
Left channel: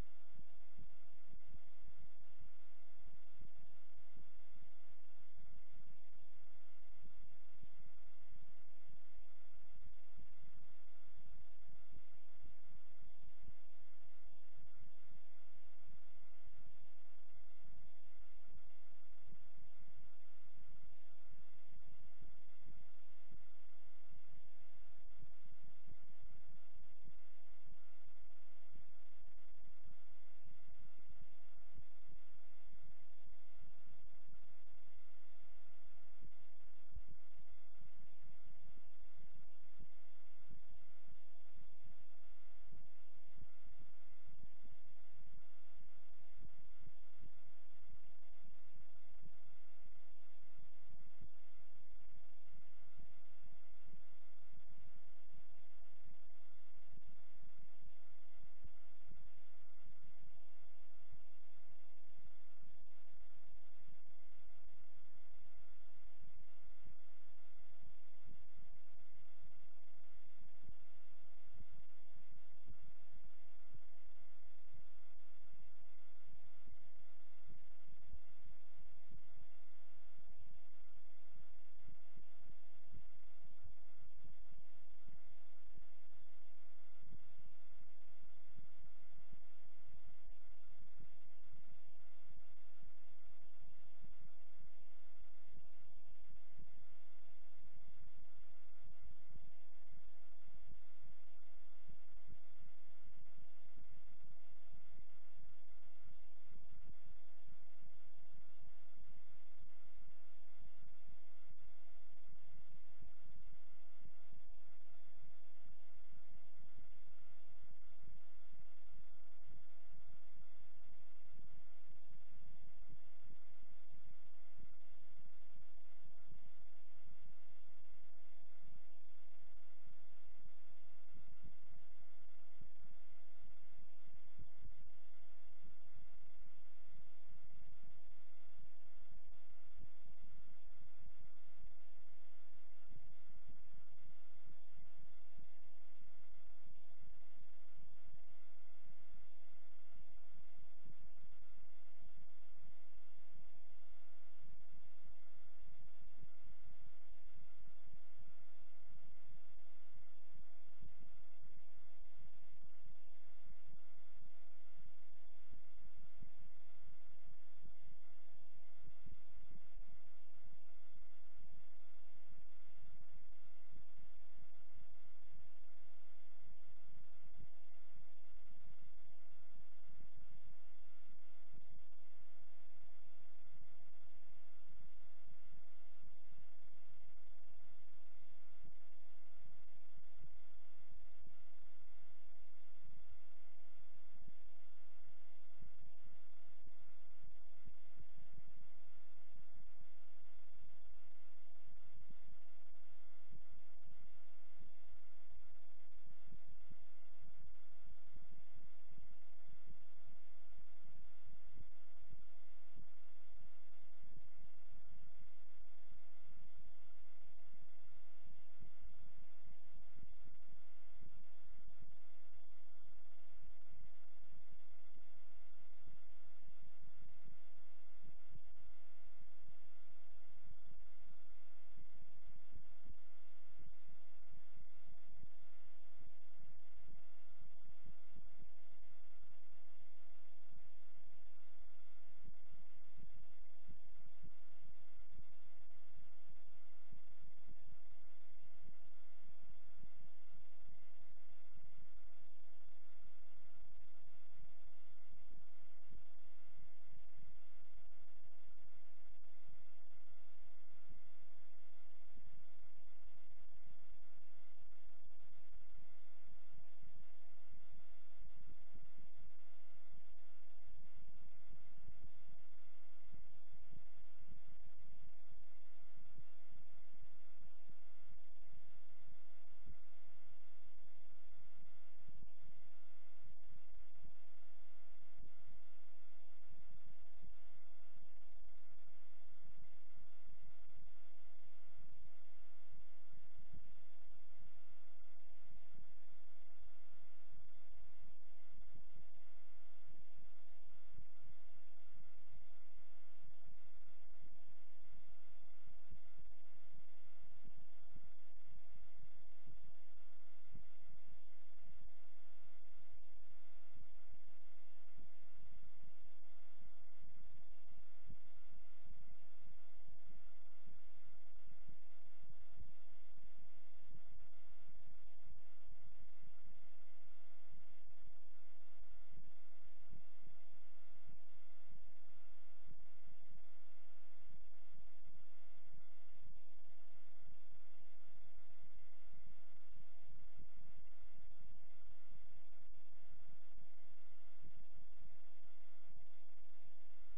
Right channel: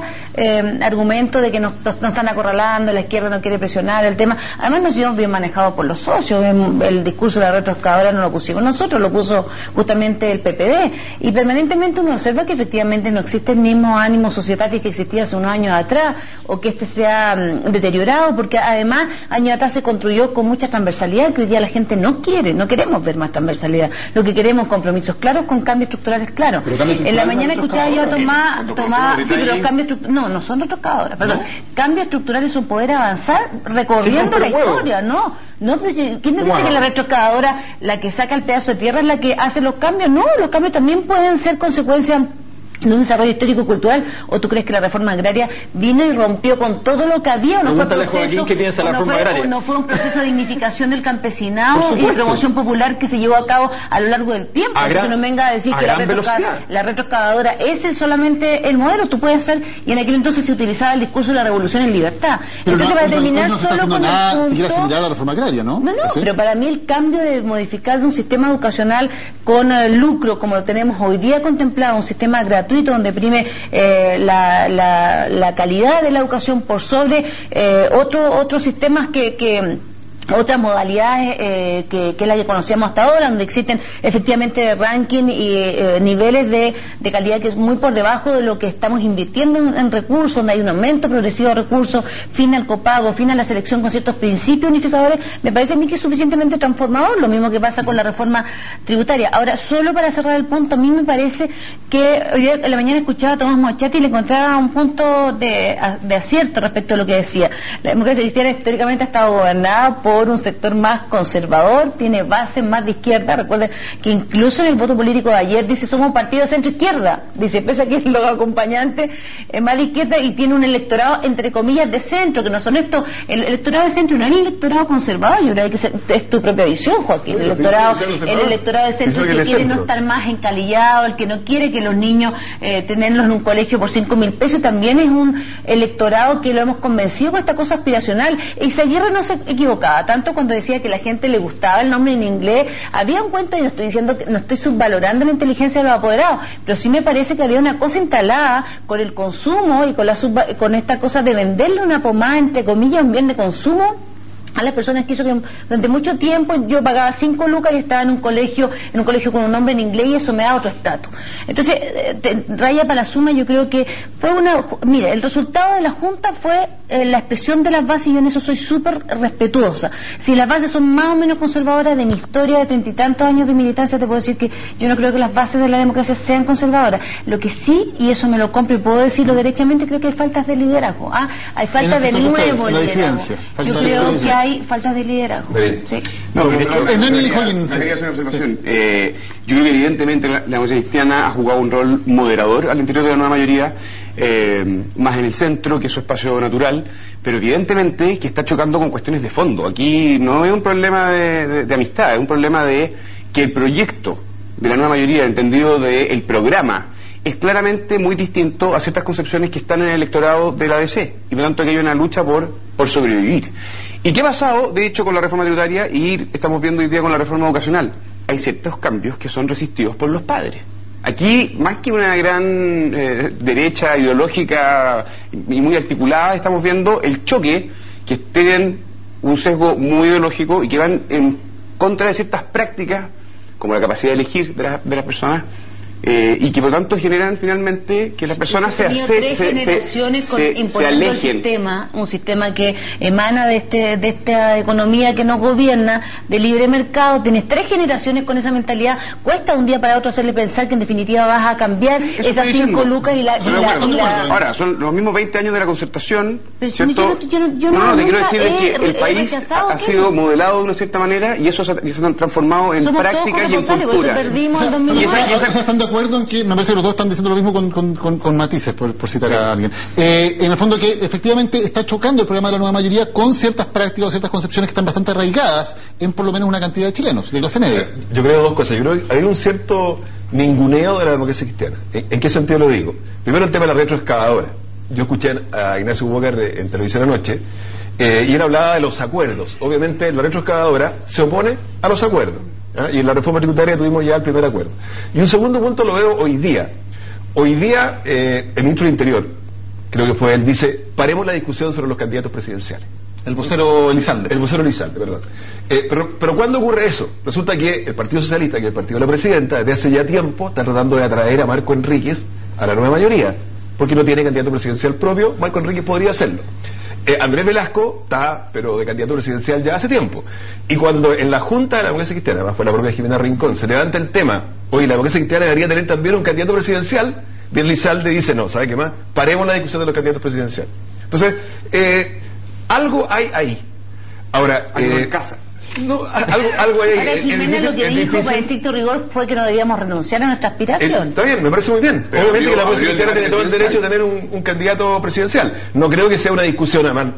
argumento de que nos están acorralando, la izquierda no quiere presionar el tema. Además nos llevamos bien manejado por los socios. El discurso de la retroexcavadora no lo pusimos nosotros, lo puso justamente el PPD, y permanentemente uno observa que efectivamente no existe el mismo ánimo societatis que existía hace unos años atrás, o que este se ha deteriorado, porque además años atrás se construyó con mucha transversalidad, que hoy día la gente no queremos ver más transversalidad. Lo que queremos es compromisos claros con cambios estructurales claros. En la mañana escuchaba yo a Tomás, sí, pero los cambios estructurales, no son retroexcavadoras, perdón. Cambios estructurales son poder avanzar recorriendo la historia, ¿no, pero ¿quién nos dice que la retroexcavadora, la que saca el pedazo de tierra, es la que hace los cambios? No, los cambios también pueden ser consecuencia de un desarrollo histórico y cultural. ¿O tú crees que la reforma agraria vino y rompió con todo lo que había? ¿No fue un proceso, ¿qué piensa la reforma agraria? ¿No fue un proceso de dignificación del campesinado y de promoción popular que se llevó a cabo a lo largo del tiempo? Entonces no venga a decir que la retroexcavadora ese es solamente el modelo. Tú puedes hacer, y en aquel entonces se utilizaba el discurso de la revolución en libertad. Pero entonces para terminar no se solo con nada, el punto, siquiera similar a la reforma agraria, ¿no? No, ¿sí? Pero para mí el cambio de modificar de un sistema educacional con lucro, como lo tenemos hoy día contemplado, un sistema gratuito donde prime la calidad de la educación por sobre otros sistemas otras modalidades que es la que conocíamos hasta ahora, donde existen efectivamente ranking y niveles de calidad que es muy por debajo de lo que estamos invirtiendo en recursos, donde hay un aumento progresivo de recursos, fin al copago, fin a la selección con ciertos principios unificadores. Me parece a mí que es suficientemente transformador, lo mismo que pasa con la reforma tributaria. Ahora, solo para cerrar el punto, a mí me parece que hoy día en la mañana escuchaba a Tomás Moschetti y le encontraba un punto de acierto respecto a lo que decía. La democracia cristiana históricamente ha estado gobernada por por un sector más conservador, tiene bases más de izquierda. Recuerden que incluso en el voto político de ayer dice somos un partido de centro-izquierda, dice, pese a que los acompañantes es más de izquierda y tiene un electorado entre comillas de centro, que no son estos, el electorado de centro no es el electorado conservador, yo creo que es tu propia visión, Joaquín, el electorado de centro que quiere no estar más encalillado, el que no quiere que los niños tenerlos en un colegio por 5.000 pesos, también es un electorado que lo hemos convencido con esta cosa aspiracional. Y Aguirre no se equivocaba, tanto cuando decía que a la gente le gustaba el nombre en inglés, había un cuento, y no estoy diciendo que no estoy subvalorando la inteligencia de los apoderados, pero sí me parece que había una cosa instalada con el consumo y con esta cosa de venderle una pomada, entre comillas, un bien de consumo a las personas que hizo que durante mucho tiempo yo pagaba 5 lucas y estaba en un colegio con un nombre en inglés, y eso me da otro estatus. Entonces, raya para la suma, yo creo que fue mire, el resultado de la Junta fue la expresión de las bases, y yo en eso soy súper respetuosa. Si las bases son más o menos conservadoras, de mi historia de 30 y tantos años de militancia, te puedo decir que yo no creo que las bases de la democracia sean conservadoras. Lo que sí, y eso me lo compro y puedo decirlo derechamente, creo que hay faltas de liderazgo. Hay falta de nuevo liderazgo. Yo creo que hay falta de liderazgo. Sí. No, quería hacer una observación. Yo creo que evidentemente la democracia cristiana ha jugado un rol moderador al interior de la nueva mayoría, más en el centro, que es su espacio natural, pero evidentemente que está chocando con cuestiones de fondo. Aquí no es un problema de amistad, es un problema de que el proyecto de la nueva mayoría, entendido del programa, es claramente muy distinto a ciertas concepciones que están en el electorado de la ADC, y por lo tanto que hay una lucha por sobrevivir. ¿Y qué ha pasado, de hecho, con la reforma tributaria, y estamos viendo hoy día con la reforma educacional? Hay ciertos cambios que son resistidos por los padres. Aquí, más que una gran derecha ideológica y muy articulada, estamos viendo el choque que tienen un sesgo muy ideológico y que van en contra de ciertas prácticas, como la capacidad de elegir de las personas, y que por lo tanto generan finalmente que las personas se alejen. Un sistema que emana de esta economía que nos gobierna, de libre mercado. Tienes 3 generaciones con esa mentalidad, cuesta un día para otro hacerle pensar que en definitiva vas a cambiar esas 5 lucas y la... Ahora, son los mismos 20 años de la concertación, ¿cierto? Te quiero decir que el país ha sido modelado de una cierta manera, y eso se ha transformado en práctica y en cultura. ¿Están de acuerdo en que, me parece que los dos están diciendo lo mismo con matices, por citar a alguien? En el fondo, que efectivamente está chocando el programa de la nueva mayoría con ciertas prácticas o ciertas concepciones que están bastante arraigadas en por lo menos una cantidad de chilenos, de clase media. Yo creo 2 cosas. Yo creo que hay un cierto ninguneo de la democracia cristiana. ¿En qué sentido lo digo? Primero, el tema de la retroexcavadora. Yo escuché a Ignacio Walker en televisión anoche, y él hablaba de los acuerdos. Obviamente la retroexcavadora se opone a los acuerdos, y en la reforma tributaria tuvimos ya el primer acuerdo. Y un segundo punto lo veo hoy día. Hoy día el ministro del Interior, creo que fue él, dice: paremos la discusión sobre los candidatos presidenciales. El vocero Elizalde, perdón. Pero ¿cuándo ocurre eso? Resulta que el Partido Socialista, que es el partido de la presidenta, desde hace ya tiempo está tratando de atraer a Marco Enríquez a la nueva mayoría, porque no tiene candidato presidencial propio. Marco Enríquez podría hacerlo. Andrés Velasco está, pero de candidato presidencial ya hace tiempo. Y cuando en la Junta de la Democracia Cristiana, bajo la propia Jimena Rincón, se levanta el tema: oye, la Democracia Cristiana debería tener también un candidato presidencial, bien Elizalde dice: no, ¿sabe qué más? Paremos la discusión de los candidatos presidenciales. Entonces, algo hay ahí. Ahora, algo en casa. No, algo hay ahí. Ahora, Jimena lo que dijo, para estricto rigor, fue que no debíamos renunciar a nuestra aspiración. Está bien, me parece muy bien. Pero obviamente que la Democracia Cristiana tiene todo el derecho a tener un candidato presidencial. No creo que sea una discusión, además,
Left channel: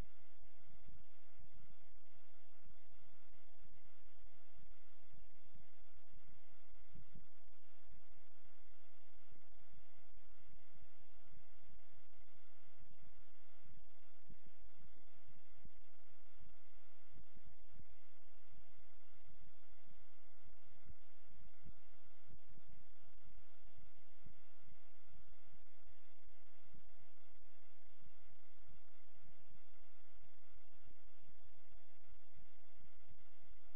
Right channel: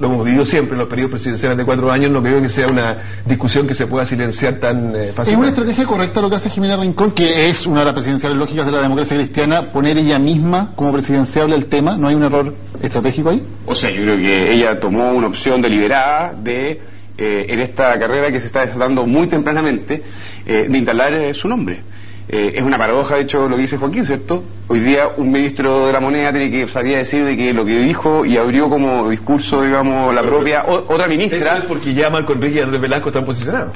lo hemos vivido siempre en los periodos presidenciales de 4 años, no creo que sea una discusión que se pueda silenciar tan fácilmente. ¿Es una estrategia correcta lo que hace Jimena Rincón, que es una de las presidenciales lógicas de la democracia cristiana, poner ella misma como presidenciable el tema? ¿No hay un error estratégico ahí? O sea, yo creo que ella tomó una opción deliberada en esta carrera que se está desatando muy tempranamente, de instalar su nombre. Es una paradoja, de hecho, lo que dice Joaquín, ¿cierto? Hoy día un ministro de la moneda tiene que sabía decir de que lo que dijo y abrió como discurso, digamos, la propia otra ministra. Eso es porque ya Marco Enríquez y Andrés Velasco están posicionados.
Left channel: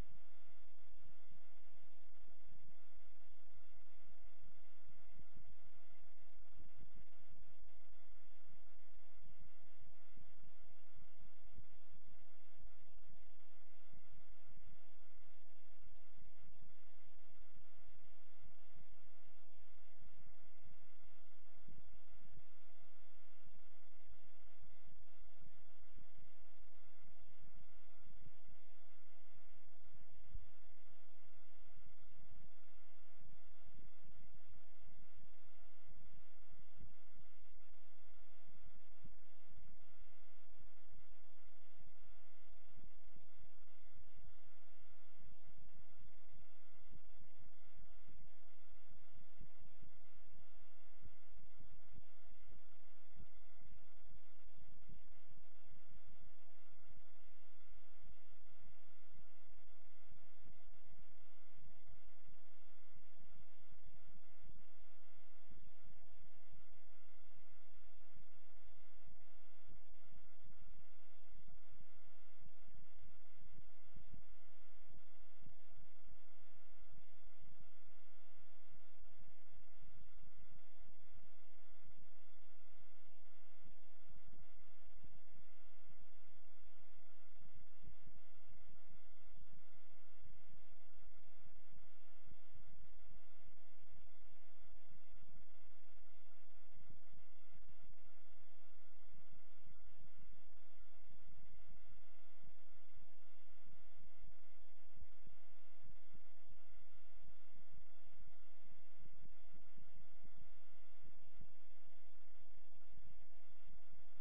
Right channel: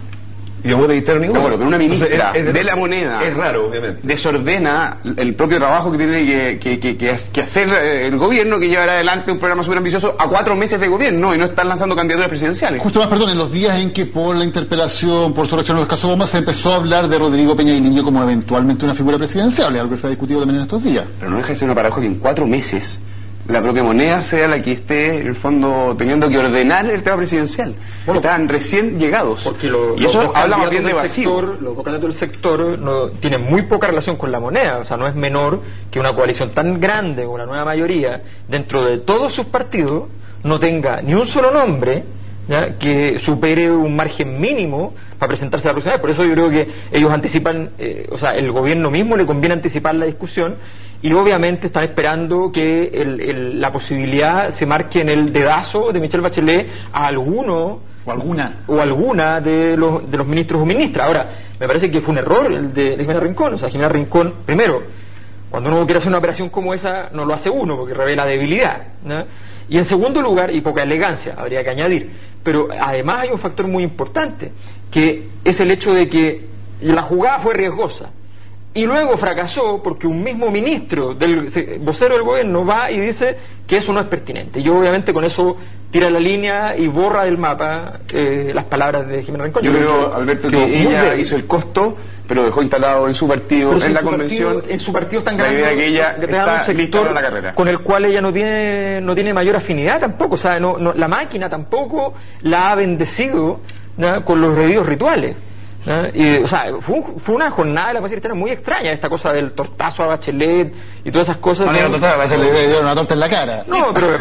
Y no voy a dictar ninguno. Bueno, pero una ministra de la moneda es raro, obviamente. Desordena el propio trabajo que tiene que hacer el gobierno, que llevará adelante un programa súper ambicioso a 4 meses de gobierno, y no están lanzando candidaturas presidenciales. Justo más, perdón, en los días en que por la interpelación, por su reacción a los casos Bomba, se empezó a hablar de Rodrigo Peña Niño como eventualmente una figura presidencial, algo que se ha discutido también en estos días. Pero no deja de ser una paradoja que en 4 meses la propia moneda sea la que esté, en el fondo, teniendo que ordenar el tema presidencial. Bueno, están recién llegados. Porque y eso habla más bien de vacío. Los dos candidatos del sector tienen muy poca relación con la moneda. O sea, no es menor que una coalición tan grande, con una nueva mayoría, dentro de todos sus partidos, no tenga ni un solo nombre, ¿ya?, que supere un margen mínimo para presentarse a la próxima vez. Por eso yo creo que ellos anticipan, o sea, el gobierno mismo le conviene anticipar la discusión, y obviamente están esperando que la posibilidad se marque en el dedazo de Michelle Bachelet a alguno o alguna de los ministros o ministras. Ahora, me parece que fue un error el de Jimena Rincón. O sea, Jimena Rincón, primero, cuando uno quiere hacer una operación como esa, no lo hace uno, porque revela debilidad, ¿no? Y en segundo lugar, y poca elegancia, habría que añadir. Pero además hay un factor muy importante, que es el hecho de que la jugada fue riesgosa. Y luego fracasó porque un mismo ministro, vocero del gobierno, va y dice que eso no es pertinente. Y obviamente con eso tira la línea y borra del mapa las palabras de Jimena Rincón. Yo creo, Alberto, que ella hizo el costo, pero dejó instalado en su partido, en la convención. En su partido están ganando, la idea que ella está un sector en la carrera, con el cual ella no tiene mayor afinidad tampoco. O sea, la máquina tampoco la ha bendecido, ¿no?, con los debidos rituales. O sea, fue una jornada de la paz cristiana muy extraña, esta cosa del tortazo a Bachelet y todas esas cosas. No, le dieron una torta en la cara. No, pero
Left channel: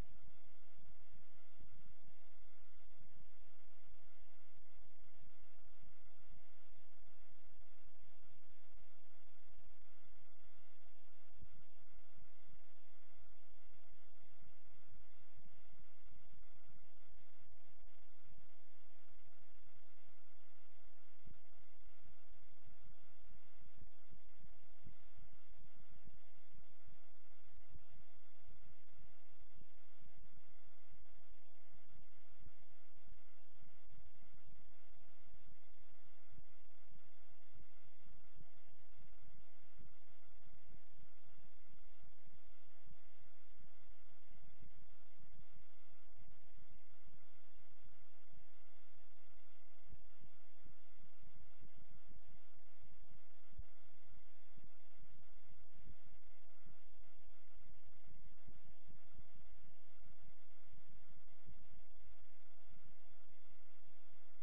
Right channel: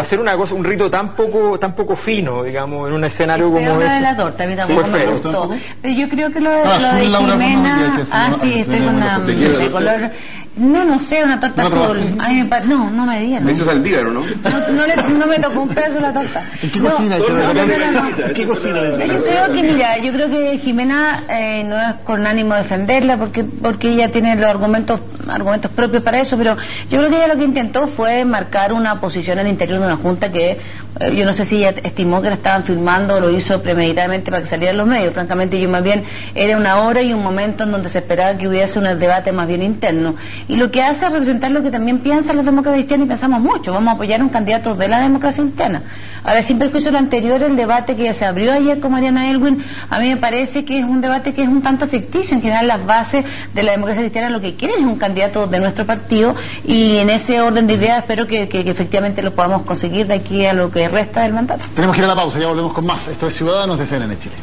hacer una cosa, un rito tan poco fino, digamos, en un escenario como ese. De la torta, a mí tampoco me gustó. Pero yo creo que lo de Jimena, sí, estoy con una de color. No sé, una torta azul. A mí no me dieron. Eso es Saldívar, ¿no? No me tocó un pedazo la torta. ¿En qué cocina? ¿Qué cocina? Yo creo que Jimena no es con ánimo de defenderla, porque ella tiene los argumentos propios para eso, pero yo creo que ella lo que intentó fue marcar una posición al interior de una junta que yo no sé si ella estimó que la estaban filmando o lo hizo premeditadamente para que salieran los medios. Francamente, yo más bien era una hora y un momento en donde se esperaba que hubiese un debate más bien interno. Y lo que hace es representar lo que también piensan los demócratas cristianos, y pensamos mucho. Vamos a apoyar a un candidato de la democracia cristiana. Ahora, sin perjuicio de lo anterior, el debate que se abrió ayer con Mariana Elwin, a mí me parece que es un debate que es un tanto ficticio. En general, las bases de la democracia cristiana lo que quieren es un candidato de nuestro partido, y en ese orden de ideas espero que efectivamente lo podamos conseguir de aquí a lo que resta del mandato. Tenemos que ir a la pausa, ya volvemos con más. Esto es Ciudadanos de CNN Chile.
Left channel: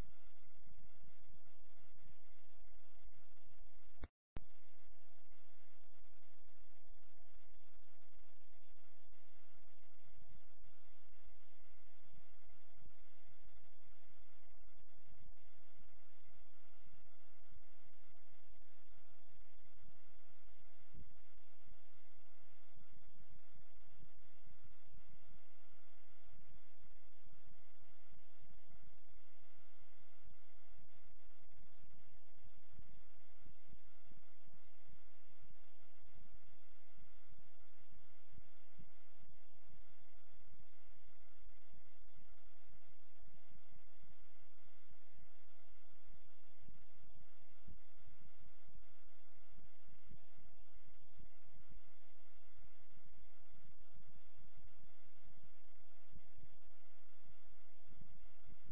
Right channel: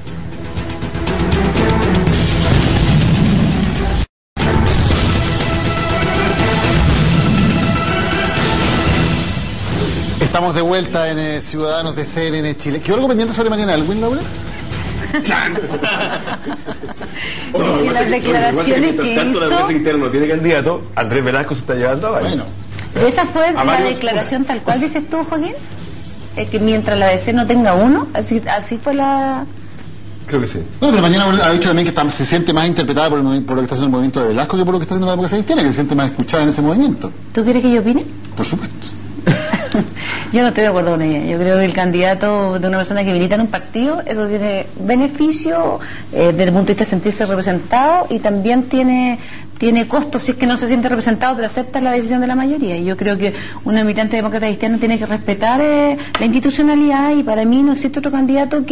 Estamos de vuelta en Ciudadanos de CNN Chile. ¿Quedó algo pendiente sobre Mariana Elwin, Laura? Y las declaraciones que hizo... La democracia cristiana no tiene candidato, Andrés Velasco se está llevando a Bueno. Pero esa fue la declaración tal cual dices tú, Joaquín, que mientras la DC no tenga uno, así fue la... Creo que sí. No, pero mañana ha dicho también que se siente más interpretada por lo que está haciendo el movimiento de Velasco que por lo que está haciendo la democracia cristiana, que se siente más escuchada en ese movimiento. ¿Tú quieres que yo opine? Por supuesto. Yo no estoy de acuerdo con ella. Yo creo que el candidato de una persona que milita en un partido, eso tiene beneficio desde el punto de vista de sentirse representado, y también tiene costos si es que no se siente representado, pero acepta la decisión de la mayoría. Y yo creo que un militante demócrata cristiano tiene que respetar la institucionalidad, y para mí no existe otro candidato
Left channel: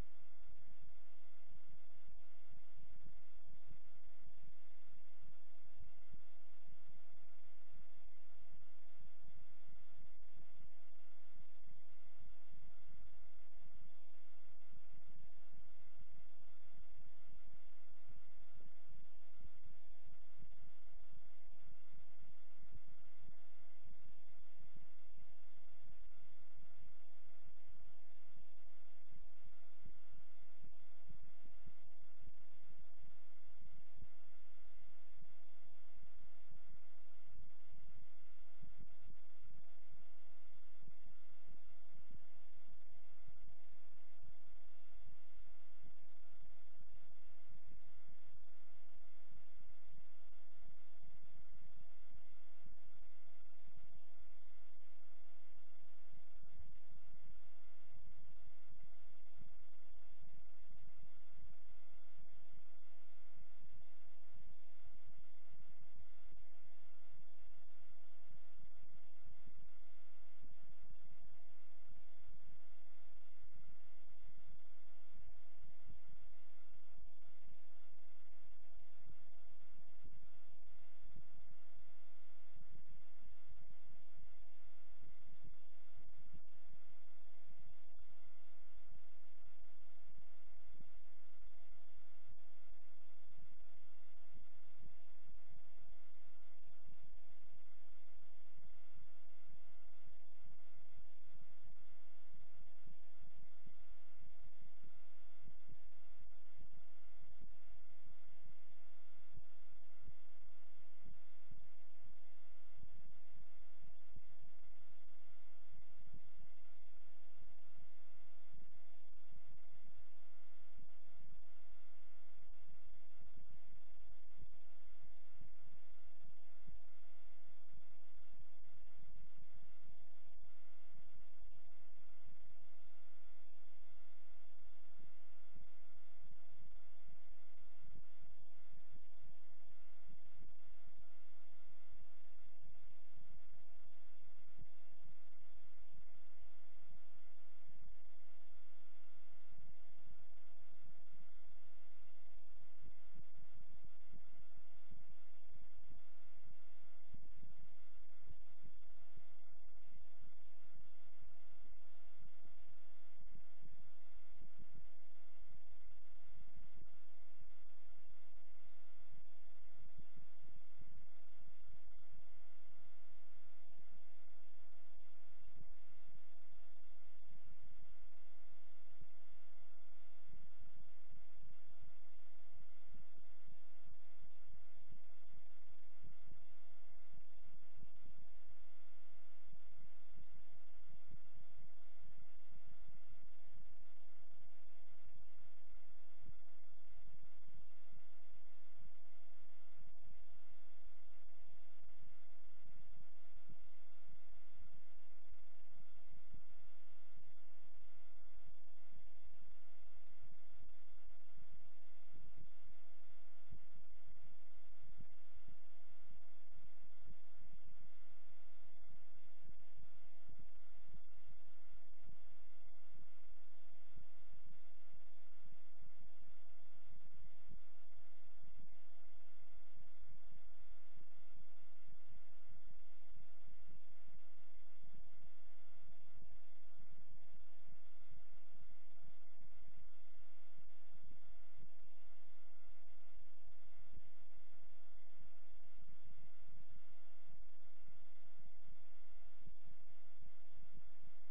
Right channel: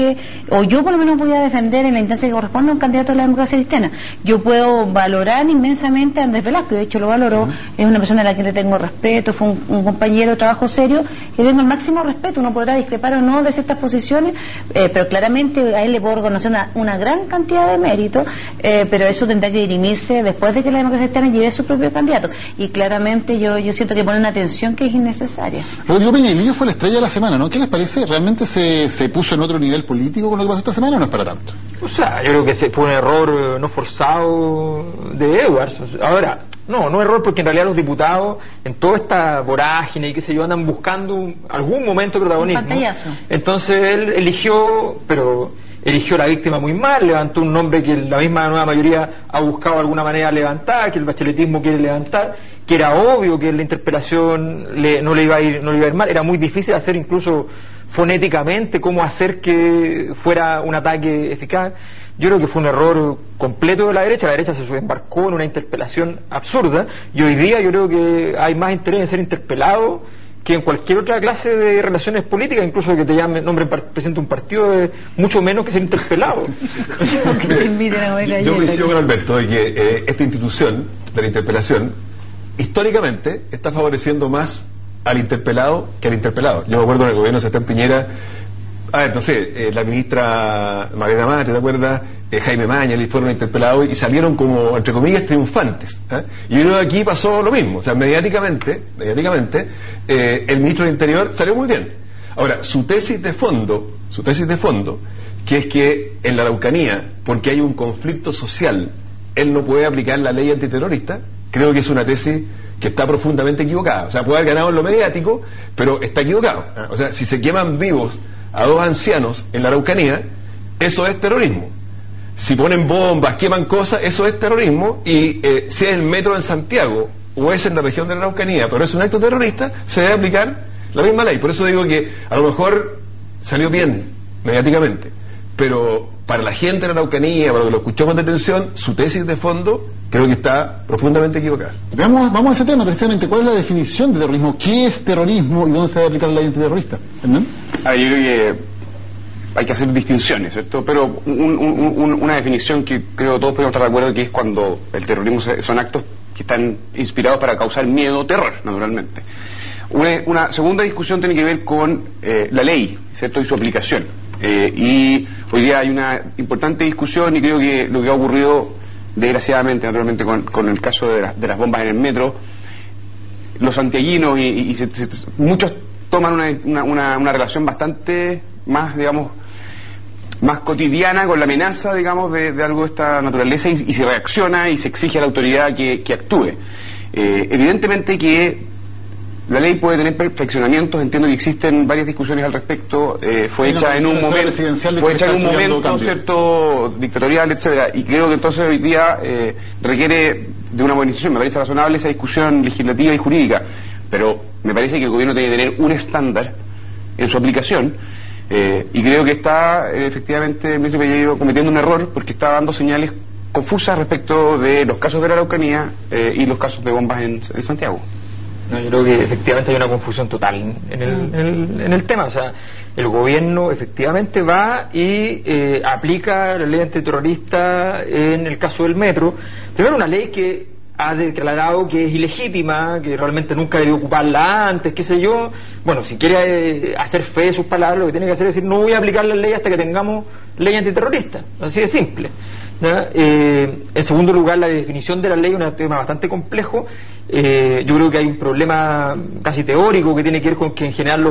o yo por lo menos voy a defender en la instancia que corresponde a un candidato de la democracia cristiana. Yo puedo valorar inmensamente a Andrés Velasco, de hecho lo valoro, es una persona a la que le tengo respeto, fue un compañero de trabajo serio, que tengo el máximo respeto. Uno podrá discrepar o no de ciertas posiciones, pero claramente a él le puedo reconocer una gran cantidad de méritos, pero eso tendrá que dirimirse después de que la democracia cristiana lleve su propio candidato, y claramente yo siento que pone una tensión que es innecesaria. Rodrigo Peñalillo fue la estrella de la semana, ¿no? ¿Qué les parece? ¿Realmente se puso en otro nivel político con lo que pasó esta semana, o no es para tanto? O sea, yo creo que fue un error no forzado de Edwards. Ahora, no error, porque en realidad los diputados, en toda esta vorágine y qué sé yo, andan buscando algún momento de protagonismo. Un pantallazo. Entonces él eligió la víctima muy mal, levantó un nombre que la misma nueva mayoría ha buscado de alguna manera levantar, que el bacheletismo quiere levantar, que era obvio que la interpelación no le iba a ir mal. Era muy difícil hacer incluso fonéticamente cómo hacer que fuera un ataque eficaz. Yo creo que fue un error completo de la derecha se embarcó en una interpelación absurda, y hoy día yo creo que hay más interés en ser interpelado que en cualquier otra clase de relaciones políticas, incluso que te llame nombre presidente de un partido, es mucho menos que ser interpelado. Yo coincido con Alberto de que esta institución de la interpelación históricamente está favoreciendo más al interpelado que al interpelado. Yo me acuerdo en el gobierno de Sebastián Piñera, no sé, la ministra Magdalena Mate, ¿te acuerdas? Jaime Mañalich fueron interpelados y salieron como, entre comillas, triunfantes. Y yo creo que aquí pasó lo mismo. O sea, mediáticamente, el ministro del Interior salió muy bien. Ahora, su tesis de fondo, que es que en la Araucanía, porque hay un conflicto social, él no puede aplicar la ley antiterrorista, creo que es una tesis que está profundamente equivocada. O sea, puede haber ganado en lo mediático, pero está equivocado. O sea, si se queman vivos a 2 ancianos en la Araucanía, eso es terrorismo. Si ponen bombas, queman cosas, eso es terrorismo, y si es el metro en Santiago o es en la región de la Araucanía, pero es un acto terrorista, se debe aplicar la misma ley. Por eso digo que a lo mejor salió bien mediáticamente, pero para la gente de la Araucanía, para lo que lo escuchó con detención, su tesis de fondo creo que está profundamente equivocada. Vamos a ese tema precisamente. ¿Cuál es la definición de terrorismo? ¿Qué es terrorismo y dónde se debe aplicar la ley antiterrorista? ¿Hernán? Yo creo que hay que hacer distinciones, ¿cierto? Pero una definición que creo todos podemos estar de acuerdo, que es cuando el terrorismo son actos que están inspirados para causar miedo o terror, naturalmente. Una segunda discusión tiene que ver con la ley, ¿cierto? Y su aplicación. Y hoy día hay una importante discusión, y creo que lo que ha ocurrido, desgraciadamente, naturalmente, con el caso de las bombas en el metro, los santiaguinos muchos toman una relación bastante más, digamos, más cotidiana con la amenaza, digamos, de algo de esta naturaleza, y se reacciona y se exige a la autoridad que actúe. Evidentemente que la ley puede tener perfeccionamientos, entiendo que existen varias discusiones al respecto, fue hecha en un momento cierto dictatorial, etcétera, y creo que entonces hoy día requiere de una modernización. Me parece razonable esa discusión legislativa y jurídica, pero me parece que el gobierno tiene que tener un estándar en su aplicación, y creo que está efectivamente el ministro Pelleiro cometiendo un error, porque está dando señales confusas respecto de los casos de la Araucanía y los casos de bombas en Santiago. No, yo creo que efectivamente hay una confusión total en el tema. O sea, el gobierno efectivamente va y aplica la ley antiterrorista en el caso del metro. Primero, una ley que ha declarado que es ilegítima, que realmente nunca debió ocuparla antes, qué sé yo. Bueno, si quiere hacer fe de sus palabras, lo que tiene que hacer es decir: no voy a aplicar la ley hasta que tengamos ley antiterrorista. Así de simple. En segundo lugar, la definición de la ley es un tema bastante complejo. Yo creo que hay un problema casi teórico que tiene que ver con que en general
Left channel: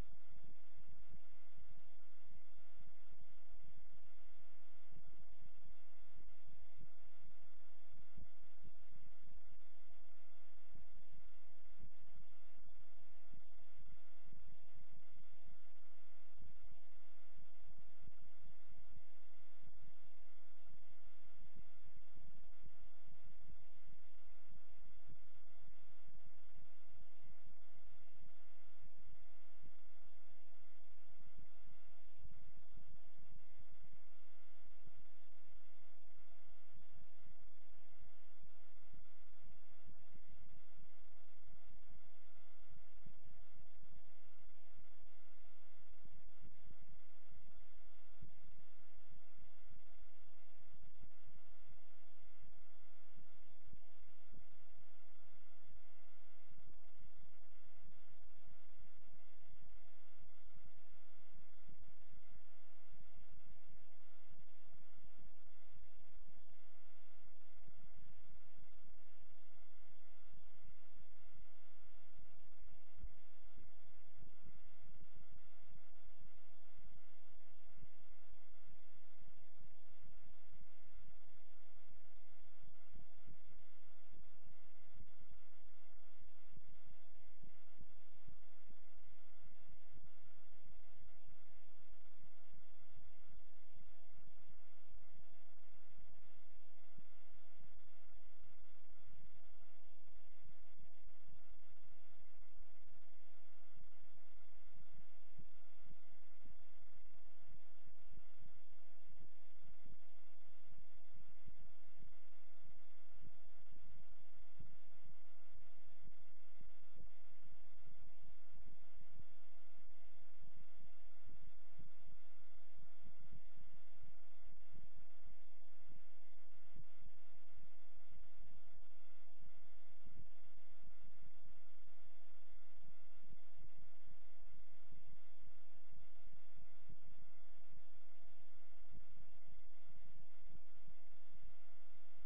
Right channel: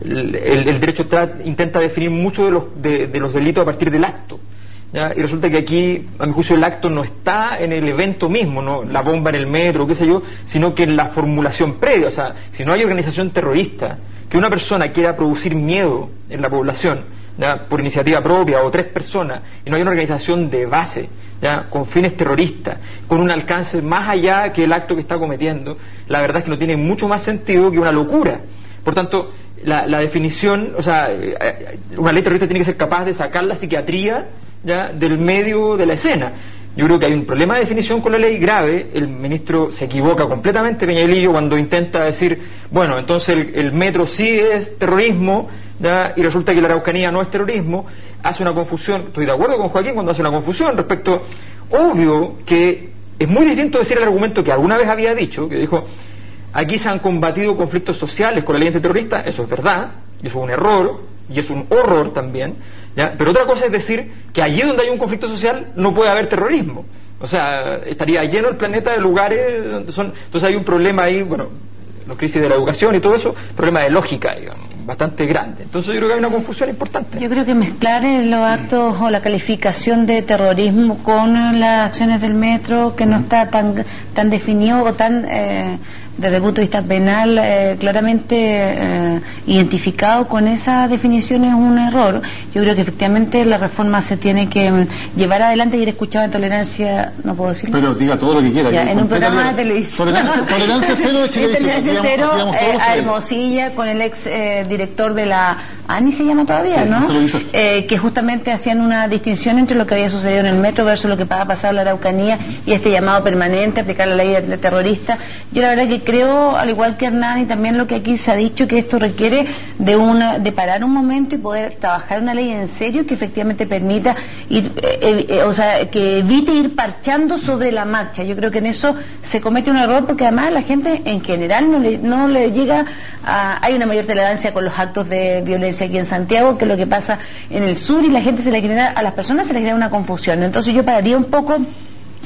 el derecho intenta definir mucho de los delitos a partir del acto, ¿ya? Y resulta que aquí, a mi juicio, el acto no está en el evento mismo, no la bomba en el metro, qué sé yo, sino que en la formulación previa. O sea, si no hay organización terrorista, que una persona quiera producir miedo en la población, ¿ya?, por iniciativa propia, o 3 personas, y no hay una organización de base, ¿ya?, con fines terroristas, con un alcance más allá que el acto que está cometiendo, la verdad es que no tiene mucho más sentido que una locura. Por tanto, la definición, o sea, una ley terrorista tiene que ser capaz de sacar la psiquiatría, ¿ya?, del medio de la escena. Yo creo que hay un problema de definición con la ley grave. El ministro se equivoca completamente, Peñalillo, cuando intenta decir, bueno, entonces el metro sí es terrorismo, ¿ya?, y resulta que la Araucanía no es terrorismo. Hace una confusión. Estoy de acuerdo con Joaquín cuando hace una confusión respecto. Obvio que es muy distinto decir el argumento que alguna vez había dicho, que dijo: aquí se han combatido conflictos sociales con la ley antiterrorista. Eso es verdad, y eso es un error, y es un horror también, ¿ya? Pero otra cosa es decir que allí donde hay un conflicto social no puede haber terrorismo. O sea, estaría lleno el planeta de lugares donde son. Entonces hay un problema ahí, bueno, la crisis de la educación y todo eso, problema de lógica, digamos, bastante grande. Entonces yo creo que hay una confusión importante. Yo creo que mezclar los actos o la calificación de terrorismo con las acciones del metro, que no está tan definido o tan desde el punto de vista penal claramente identificado con esa definición, es un error. Yo creo que efectivamente la reforma se tiene que llevar adelante. Y he escuchado en Tolerancia, no puedo decirlo, pero diga todo lo que quiera, ya, en un programa de televisión, Tolerancia Cero de Chilevisión, Tolerancia Cero, a Hermosilla, con el ex director de la ANI se llama todavía, Sí, ¿no? eso lo hizo. Que justamente hacían una distinción entre lo que había sucedido en el metro versus lo que va a pasar en la Araucanía y este llamado permanente, aplicar la ley de terrorista. Yo la verdad que creo, al igual que Hernán y también lo que aquí se ha dicho, que esto requiere de parar un momento y poder trabajar una ley en serio que efectivamente permita ir, o sea, que evite ir parchando sobre la marcha. Yo creo que en eso se comete un error, porque además la gente en general no le llega a... Hay una mayor tolerancia con los actos de violencia aquí en Santiago que lo que pasa en el sur, y la gente a las personas se les genera una confusión. Entonces yo pararía un poco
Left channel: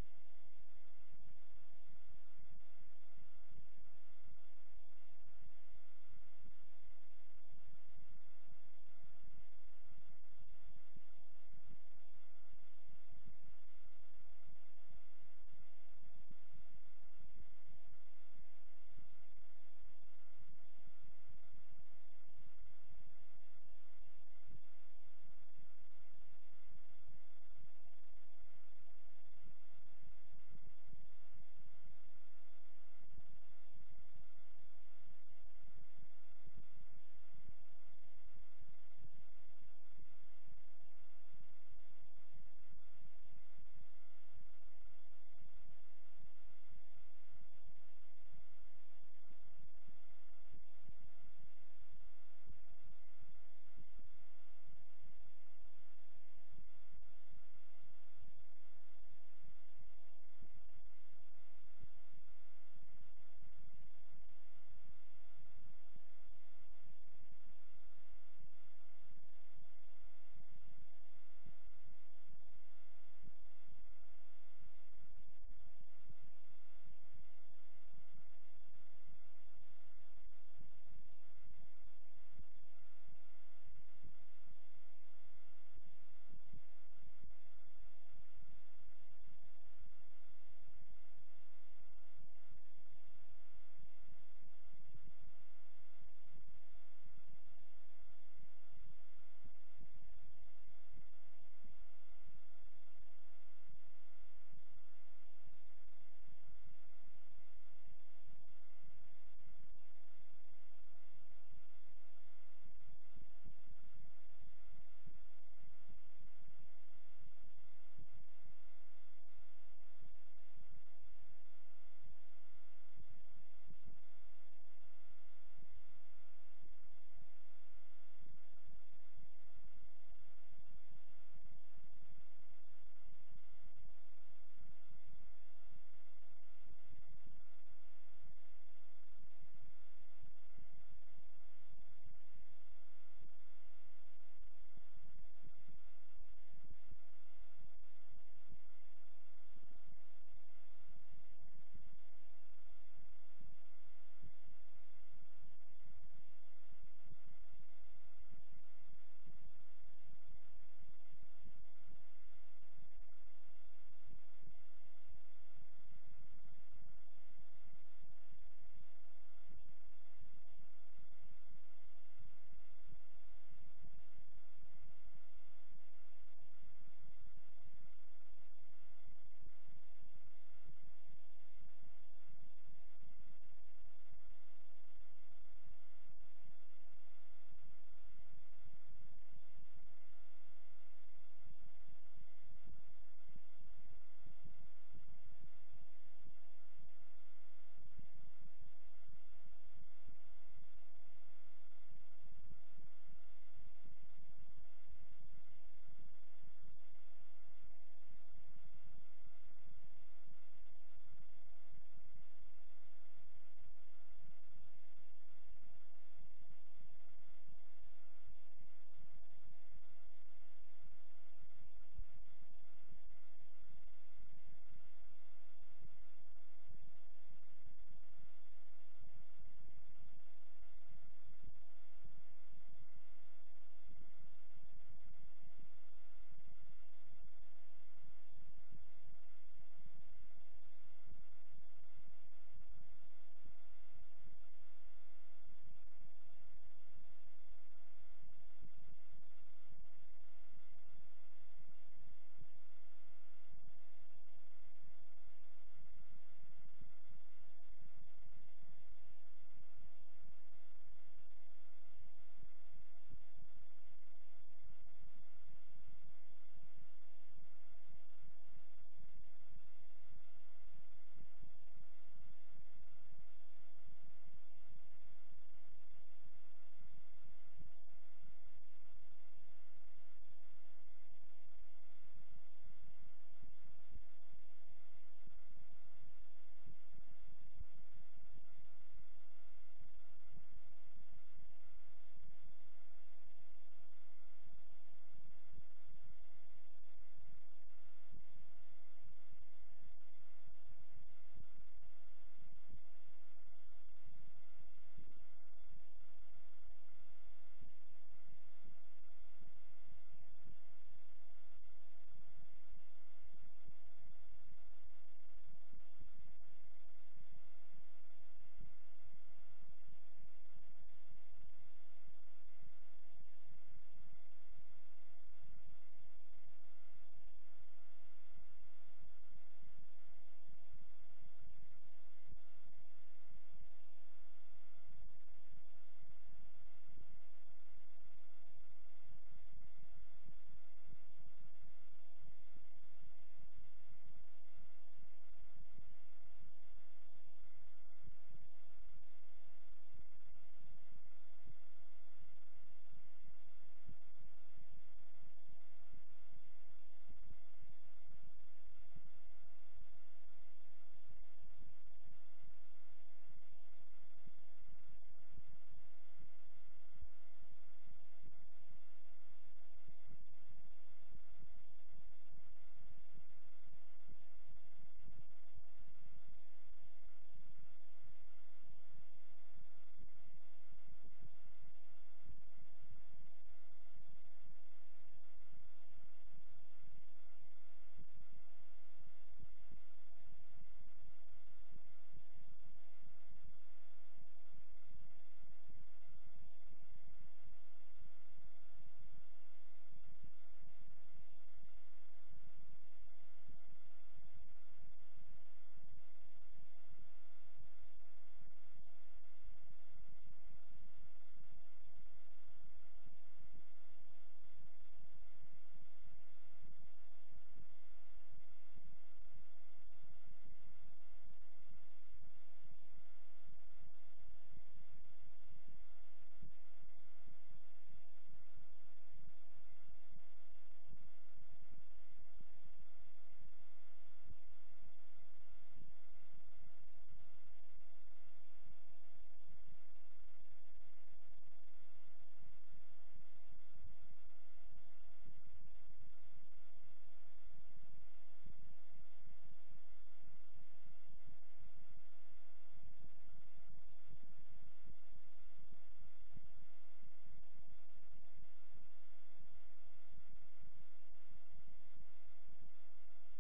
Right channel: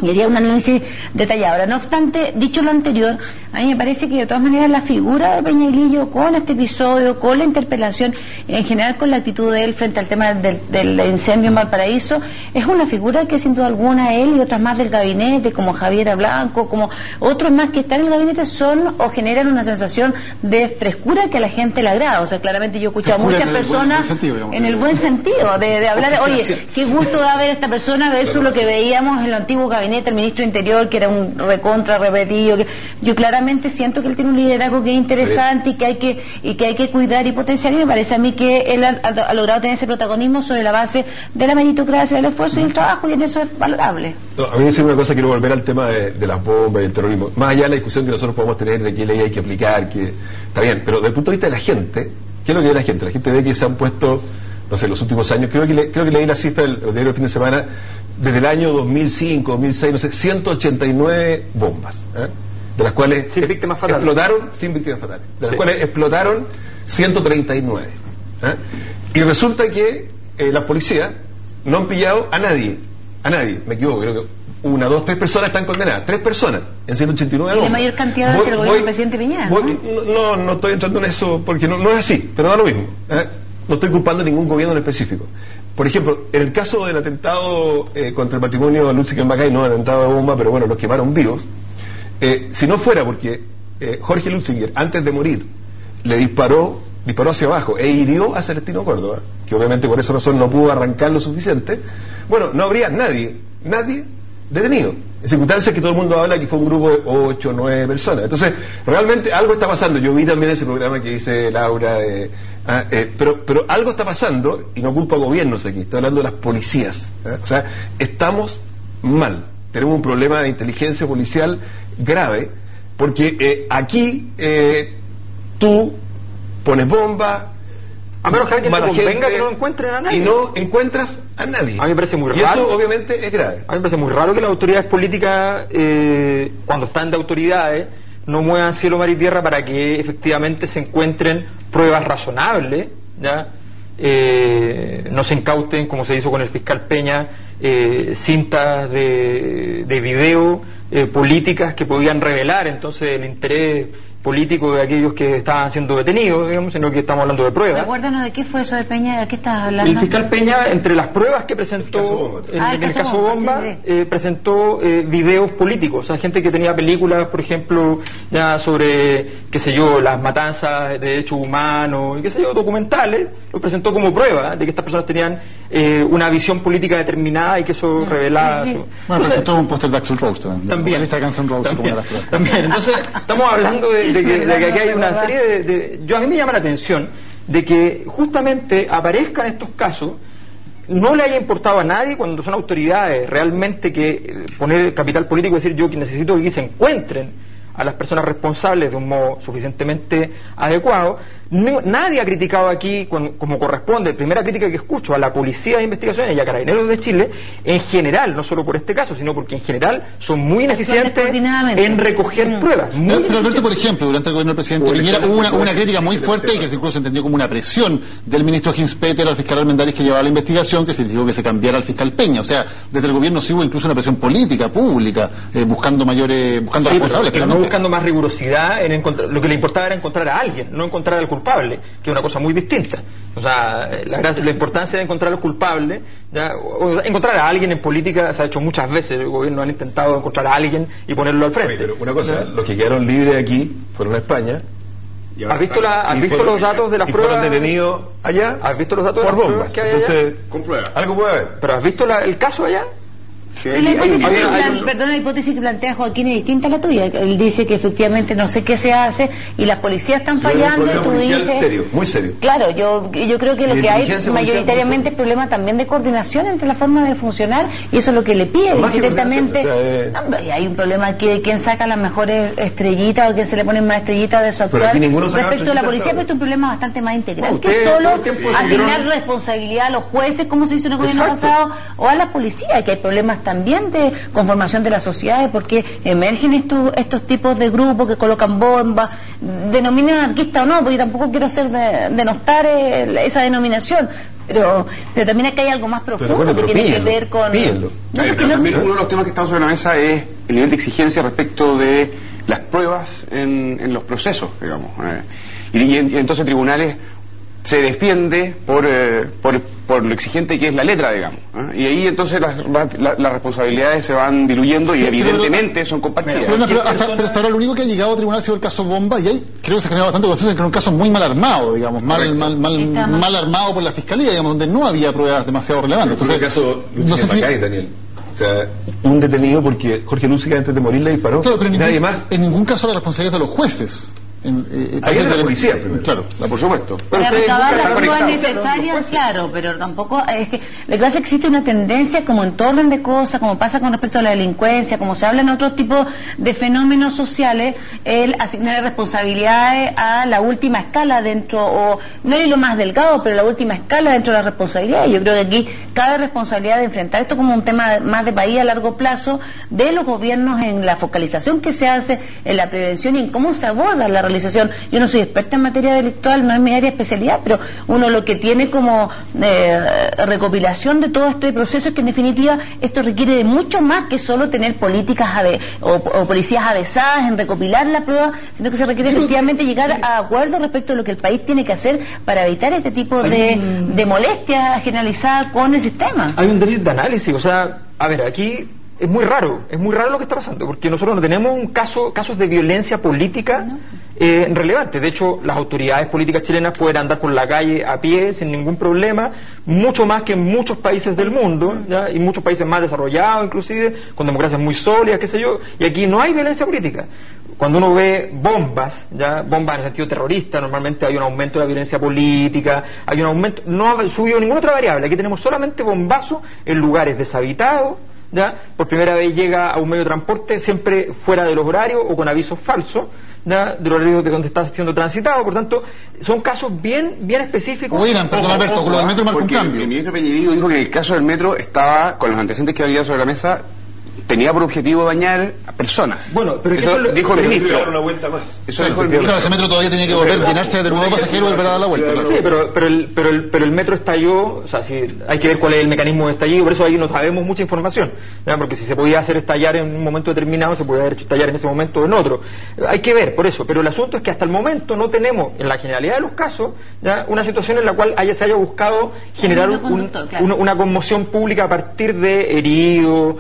y haría un análisis detallado. Ahora, no obstante, dicho lo anterior, a mí me parece que de todas maneras la figura de Peñailillo con este episodio, con la interpelación, en general con la actitud de él frente al tema del incendio en Valparaíso, es una figura que sin duda alguna él y otras más del gabinete, como Javiera Blanco, como otros más que están en el gabinete, son o generan una sensación de frescura que a la gente le agrada. O sea, claramente yo he escuchado a muchas personas en el buen sentido, de hablar, oye, qué gusto da ver a esta persona versus lo que veíamos en el antiguo gabinete, el ministro de Interior, que era un recontra repetido. Yo claramente siento que él tiene un liderazgo que es interesante y que hay que cuidar y potenciar, y me parece a mí que él ha logrado tener ese protagonismo sobre la base de la meritocracia, del esfuerzo y el trabajo, y en eso es valorable. No, a mí decir una cosa, quiero volver al tema de las bombas y el terrorismo. Más allá de la discusión que nosotros podemos tener de qué ley hay que aplicar, que está bien, pero desde el punto de vista de la gente, ¿qué es lo que ve la gente? La gente ve que se han puesto, no sé, los últimos años, creo que leí la cifra del diario del fin de semana, desde el año 2005, 2006, no sé, 189 bombas, de las cuales sin víctimas fatales. Explotaron, sin víctimas fatales, de las cuales explotaron 139. Y resulta que las policías no han pillado a nadie, me equivoco, creo que 1, 2, 3 personas están condenadas, 3 personas en 189 bombas. Y la mayor cantidad del gobierno del presidente Piñera, ¿no? No estoy entrando en eso, porque no es así, pero da lo mismo. No estoy culpando a ningún gobierno en específico. Por ejemplo, en el caso del atentado contra el patrimonio de Lutzig en Macay, no atentado de bomba, pero bueno, los quemaron vivos. Si no fuera porque Jorge Lutzinger, antes de morir, le disparó hacia abajo e hirió a Celestino Córdoba, que obviamente por esa razón no pudo arrancar lo suficiente, bueno, no habría nadie detenido. En circunstancias que todo el mundo habla que fue un grupo de 8 o 9 personas. Entonces, realmente algo está pasando. Yo vi también ese programa que dice Laura, pero algo está pasando, y no culpo a gobiernos aquí, estoy hablando de las policías. O sea, estamos mal. Tenemos un problema de inteligencia policial grave, porque aquí tú pones bomba, a menos que alguien te convenga que no encuentren a nadie. Y no encuentras a nadie. A mí me parece muy raro. Y eso obviamente es grave. A mí me parece muy raro que las autoridades políticas, cuando están de autoridades, no muevan cielo, mar y tierra para que efectivamente se encuentren pruebas razonables, ¿ya? No se incauten, como se hizo con el fiscal Peña, cintas de video políticas que podían revelar entonces el interés político de aquellos que estaban siendo detenidos, digamos, sino que estamos hablando de pruebas. Recuérdanos de qué fue eso de Peña, ¿de qué estás hablando? El fiscal Peña, entre las pruebas que presentó en el caso Bomba, presentó videos políticos, o sea, gente que tenía películas, por ejemplo, ya sobre, qué sé yo, las matanzas de derechos humanos, y qué sé yo, documentales, lo presentó como prueba de que estas personas tenían una visión política determinada y que eso revelaba... Bueno, presentó un póster de Axl Rose también. La lista de Guns N' Roses como también. Entonces, estamos hablando de que aquí hay una serie a mí me llama la atención de que justamente aparezcan estos casos, no le haya importado a nadie cuando son autoridades realmente que poner capital político, decir yo que necesito que aquí se encuentren a las personas responsables de un modo suficientemente adecuado. Nadie ha criticado aquí como corresponde. La primera crítica que escucho a la Policía de Investigaciones y a Carabineros de Chile, en general, no solo por este caso, sino porque en general son muy ineficientes en recoger pruebas. Pero Alberto, por ejemplo, durante el gobierno del presidente Piñera hubo una crítica muy fuerte y que incluso se entendió como una presión del ministro Hinspeter al fiscal Armendáriz que llevaba la investigación, que se dijo que se cambiara al fiscal Peña. O sea, desde el gobierno sí hubo incluso una presión política, pública, buscando responsables. Pero no buscando más rigurosidad en encontrar, lo que le importaba era encontrar a alguien, no encontrar al culpable, que es una cosa muy distinta. O sea, la importancia de encontrar a los culpables, encontrar a alguien en política se ha hecho muchas veces. El gobierno han intentado encontrar a alguien y ponerlo al frente. Oye, pero una cosa, los que quedaron libres aquí fueron a España. ¿Has visto los datos de las pruebas? Fueron detenidos allá. ¿Has visto los datos por de las bombas? pruebas que hay entonces, allá? con pruebas. Algo puede haber. ¿Pero has visto el caso allá? Perdón, la hipótesis que plantea Joaquín es distinta a la tuya. Él dice que efectivamente no sé qué se hace y las policías están fallando y tú dices... serio, muy serio. Claro, yo creo que lo que hay mayoritariamente es problema también de coordinación entre las formas de funcionar y eso es lo que le pide directamente. Hay un problema que quién saca las mejores estrellitas o quién se le pone más estrellitas de su actuar respecto a la policía, pero es un problema bastante más integral que solo asignar responsabilidad a los jueces, como se hizo en el gobierno pasado, o a la policía, que hay problemas también de conformación de las sociedades porque emergen estos tipos de grupos que colocan bombas, denominan anarquista o no, porque tampoco quiero denostar esa denominación, pero también acá hay algo más profundo que tiene que ver con... También uno de los temas que está sobre la mesa es el nivel de exigencia respecto de las pruebas en los procesos, digamos. Y entonces tribunales se defiende por lo exigente que es la letra, digamos. Y ahí entonces las responsabilidades se van diluyendo y evidentemente son compartidas. Pero hasta ahora lo único que ha llegado a tribunal ha sido el caso Bomba y ahí creo que se ha generado bastante consenso en que era un caso muy mal armado, digamos, mal armado por la fiscalía, digamos, donde no había pruebas demasiado relevantes. Entonces, el caso no sé Macay, Daniel. O sea, un detenido porque Jorge Lúcica antes de morir le disparó. Claro, pero nadie más. En ningún caso la responsabilidad de los jueces. Ahí es de la policía primero. Claro, por supuesto. Para recabar las pruebas necesarias, claro, pero tampoco es que lo que pasa es que existe una tendencia como en todo orden de cosas, como pasa con respecto a la delincuencia, como se habla en otros tipos de fenómenos sociales, el asignar responsabilidades a la última escala dentro, o no es lo más delgado, pero la última escala dentro de la responsabilidad. Yo creo que aquí cabe responsabilidad de enfrentar esto como un tema más de país a largo plazo de los gobiernos en la focalización que se hace en la prevención y en cómo se aborda la realización. Yo no soy experta en materia delictual, no es mi área de especialidad, pero uno lo que tiene como recopilación de todo este proceso es que en definitiva esto requiere de mucho más que solo tener políticas o policías avesadas en recopilar la prueba, sino que se requiere efectivamente llegar a acuerdos respecto de lo que el país tiene que hacer para evitar este tipo de molestias generalizadas con el sistema. Hay un déficit de análisis, o sea, a ver, aquí es muy raro lo que está pasando, porque nosotros no tenemos casos de violencia política relevantes. De hecho, las autoridades políticas chilenas pueden andar por la calle a pie sin ningún problema, mucho más que en muchos países del mundo, ¿ya? Y muchos países más desarrollados, inclusive, con democracias muy sólidas, qué sé yo, y aquí no hay violencia política. Cuando uno ve bombas en el sentido terrorista, normalmente hay un aumento de la violencia política, hay un aumento, no ha subido ninguna otra variable. Aquí tenemos solamente bombazos en lugares deshabitados, ¿ya? Por primera vez llega a un medio de transporte siempre fuera de los horarios o con avisos falsos, ¿ya? De los horarios de donde está siendo transitado. Por tanto, son casos bien específicos. Oigan, perdón Alberto, con lo del metro marca un cambio. El ministro Peña dijo que el caso del metro estaba, con los antecedentes que había sobre la mesa, tenía por objetivo dañar a personas. Bueno, pero eso dijo el ministro. Dar una vuelta más. Eso dijo el ministro. Claro, ese metro todavía tenía que volver a llenarse de nuevo pasajero y volver a dar la vuelta. Claro. Sí, pero el metro estalló, o sea, si hay que ver cuál es el mecanismo de estallido, por eso ahí no sabemos mucha información, ¿verdad? Porque si se podía hacer estallar en un momento determinado, se podía haber hecho estallar en ese momento o en otro. Hay que ver, por eso, pero el asunto es que hasta el momento no tenemos, en la generalidad de los casos, ¿ya? Una situación en la cual se haya buscado generar una conmoción pública a partir de heridos,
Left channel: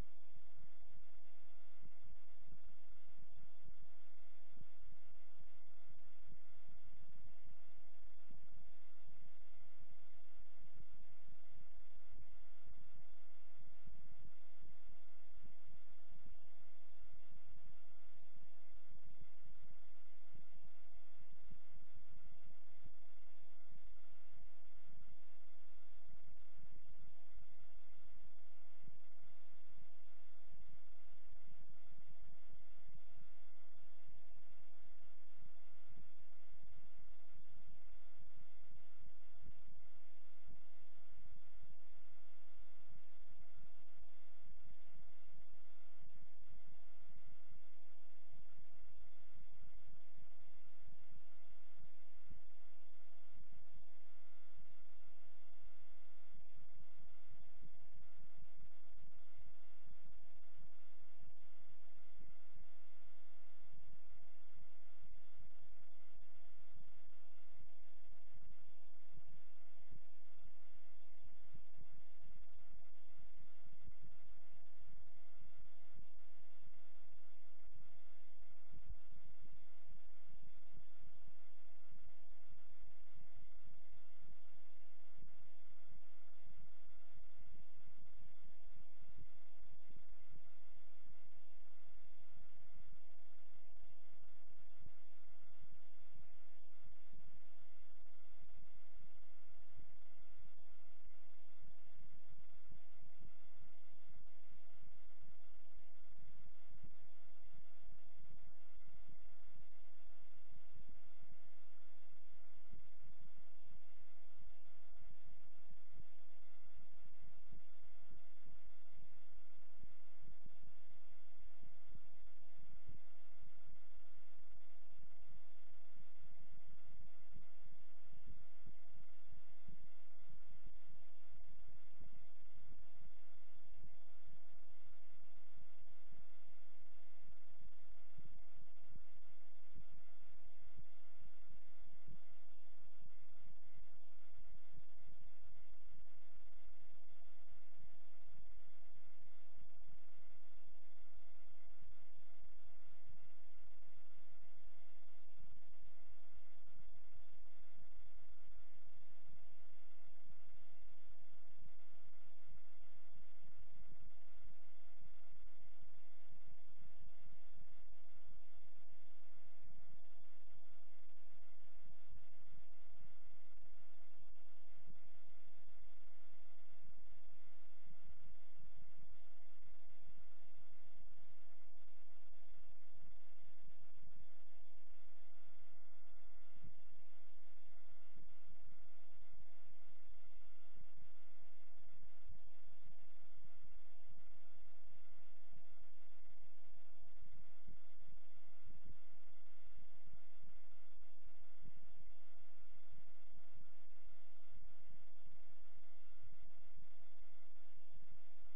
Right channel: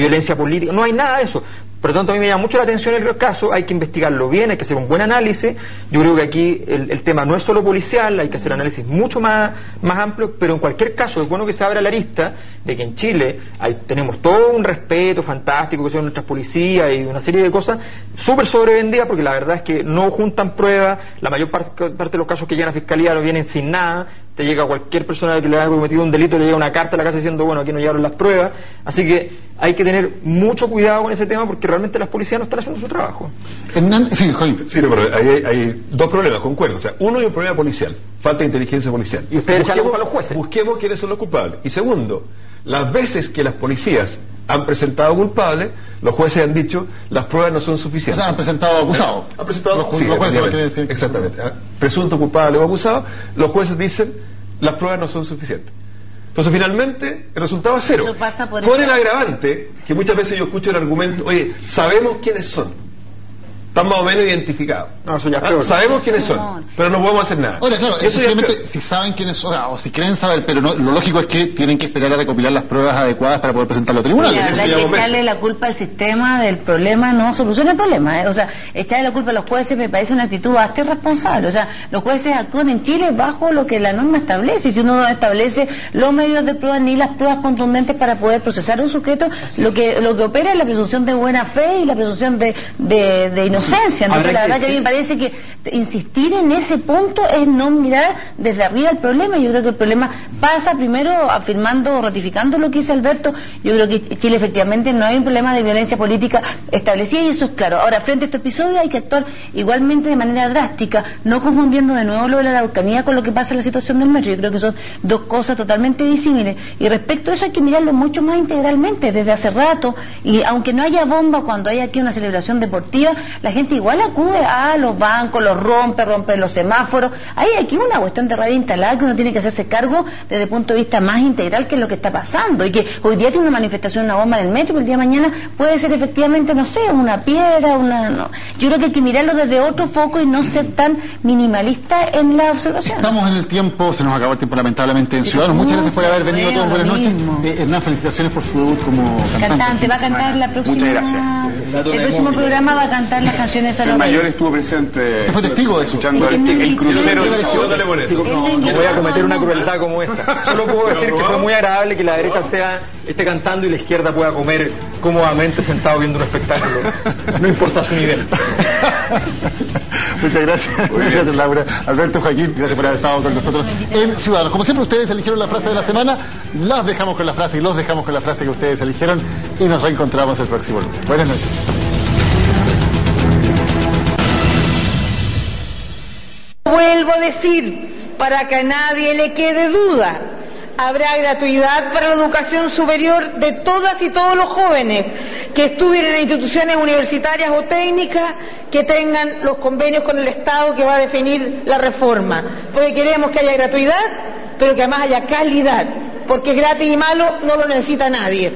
violencia política. No hay nada de eso. Por lo tanto, a mí me llama mucho la atención el caso, hay que investigarlo bien, hay que hacer un buen análisis. Yo creo que aquí el tema no es solo policial, hay que hacer análisis mucho más amplio, pero en cualquier caso es bueno que se abra la arista de que en Chile tenemos todo un respeto fantástico que son nuestras policías y una serie de cosas súper sobrevendidas, porque la verdad es que no juntan pruebas, la mayor parte de los casos que llegan a fiscalía no vienen sin nada. Te llega cualquier persona que le haya cometido un delito, le llega una carta a la casa diciendo, bueno, aquí no llegaron las pruebas. Así que hay que tener mucho cuidado con ese tema porque realmente las policías no están haciendo su trabajo. Sí, Joaquín. Sí, pero hay dos problemas, concuerdo. O sea, uno es un problema policial, falta de inteligencia policial. Y ustedes echan la culpa a los jueces. Busquemos quiénes son los culpables. Y segundo, las veces que las policías han presentado culpables, los jueces han dicho las pruebas no son suficientes. O sea, han presentado acusados. Han presentado los jueces, decir. Exactamente. Presunto culpable o acusado, los jueces dicen las pruebas no son suficientes. Entonces finalmente el resultado es cero. Con el agravante que muchas veces yo escucho el argumento, oye, sabemos quiénes son. están más o menos identificados. No, eso ya es peor. Sabemos quiénes son, pero no podemos hacer nada. Ahora, claro, Eso ya es efectivamente, peor. si saben quiénes son, o si creen saber, pero no, lo lógico es que tienen que esperar a recopilar las pruebas adecuadas para poder presentarlo a tribunales. La verdad es que echarle la culpa al sistema del problema no soluciona el problema, O sea, echarle la culpa a los jueces me parece una actitud bastante irresponsable. O sea, los jueces actúan en Chile bajo lo que la norma establece. Y si uno no establece los medios de prueba ni las pruebas contundentes para poder procesar a un sujeto, lo que opera es la presunción de buena fe y la presunción de inocencia. Entonces, la verdad que a mí me parece que insistir en ese punto es no mirar desde arriba el problema. Yo creo que el problema pasa primero afirmando o ratificando lo que dice Alberto. Yo creo que Chile efectivamente no hay un problema de violencia política establecida y eso es claro. Ahora, frente a este episodio hay que actuar igualmente de manera drástica, no confundiendo de nuevo lo de la Araucanía con lo que pasa en la situación del metro. Yo creo que son dos cosas totalmente disímiles. Y respecto a eso hay que mirarlo mucho más integralmente desde hace rato, y aunque no haya bomba cuando hay aquí una celebración deportiva, la gente igual acude a los bancos, los rompe los semáforos. Hay aquí una cuestión de radio instalada que uno tiene que hacerse cargo desde el punto de vista más integral, que es lo que está pasando, y que hoy día tiene una manifestación, una bomba en el metro, pero el día de mañana puede ser efectivamente, no sé, una piedra, yo creo que hay que mirarlo desde otro foco y no ser tan minimalista en la observación. Estamos en el tiempo, se nos acabó el tiempo lamentablemente en Ciudadanos. Muchas gracias por haber venido todos, buenas noches. Hernán, felicitaciones por su debut como cantante. Va a cantar la próxima. Muchas gracias. El próximo programa va a cantar las canciones a El mayor estuvo presente. ¿Usted fue testigo de eso? Escuchando el crucero. No voy a cometer una crueldad como esa. Solo puedo decir que fue muy agradable que la derecha esté cantando y la izquierda pueda comer cómodamente sentado viendo un espectáculo. No importa su nivel. Muchas gracias. Gracias, Laura. Alberto, Joaquín, gracias por haber estado con nosotros en Ciudadanos. Como siempre, ustedes eligieron la frase de la semana, las dejamos con la frase y los dejamos con la frase que ustedes eligieron y nos reencontramos el próximo lunes. Buenas noches. Vuelvo a decir, para que a nadie le quede duda, habrá gratuidad para la educación superior de todas y todos los jóvenes que estudien en instituciones universitarias o técnicas que tengan los convenios con el Estado que va a definir la reforma. Porque queremos que haya gratuidad, pero que además haya calidad, porque gratis y malo no lo necesita nadie.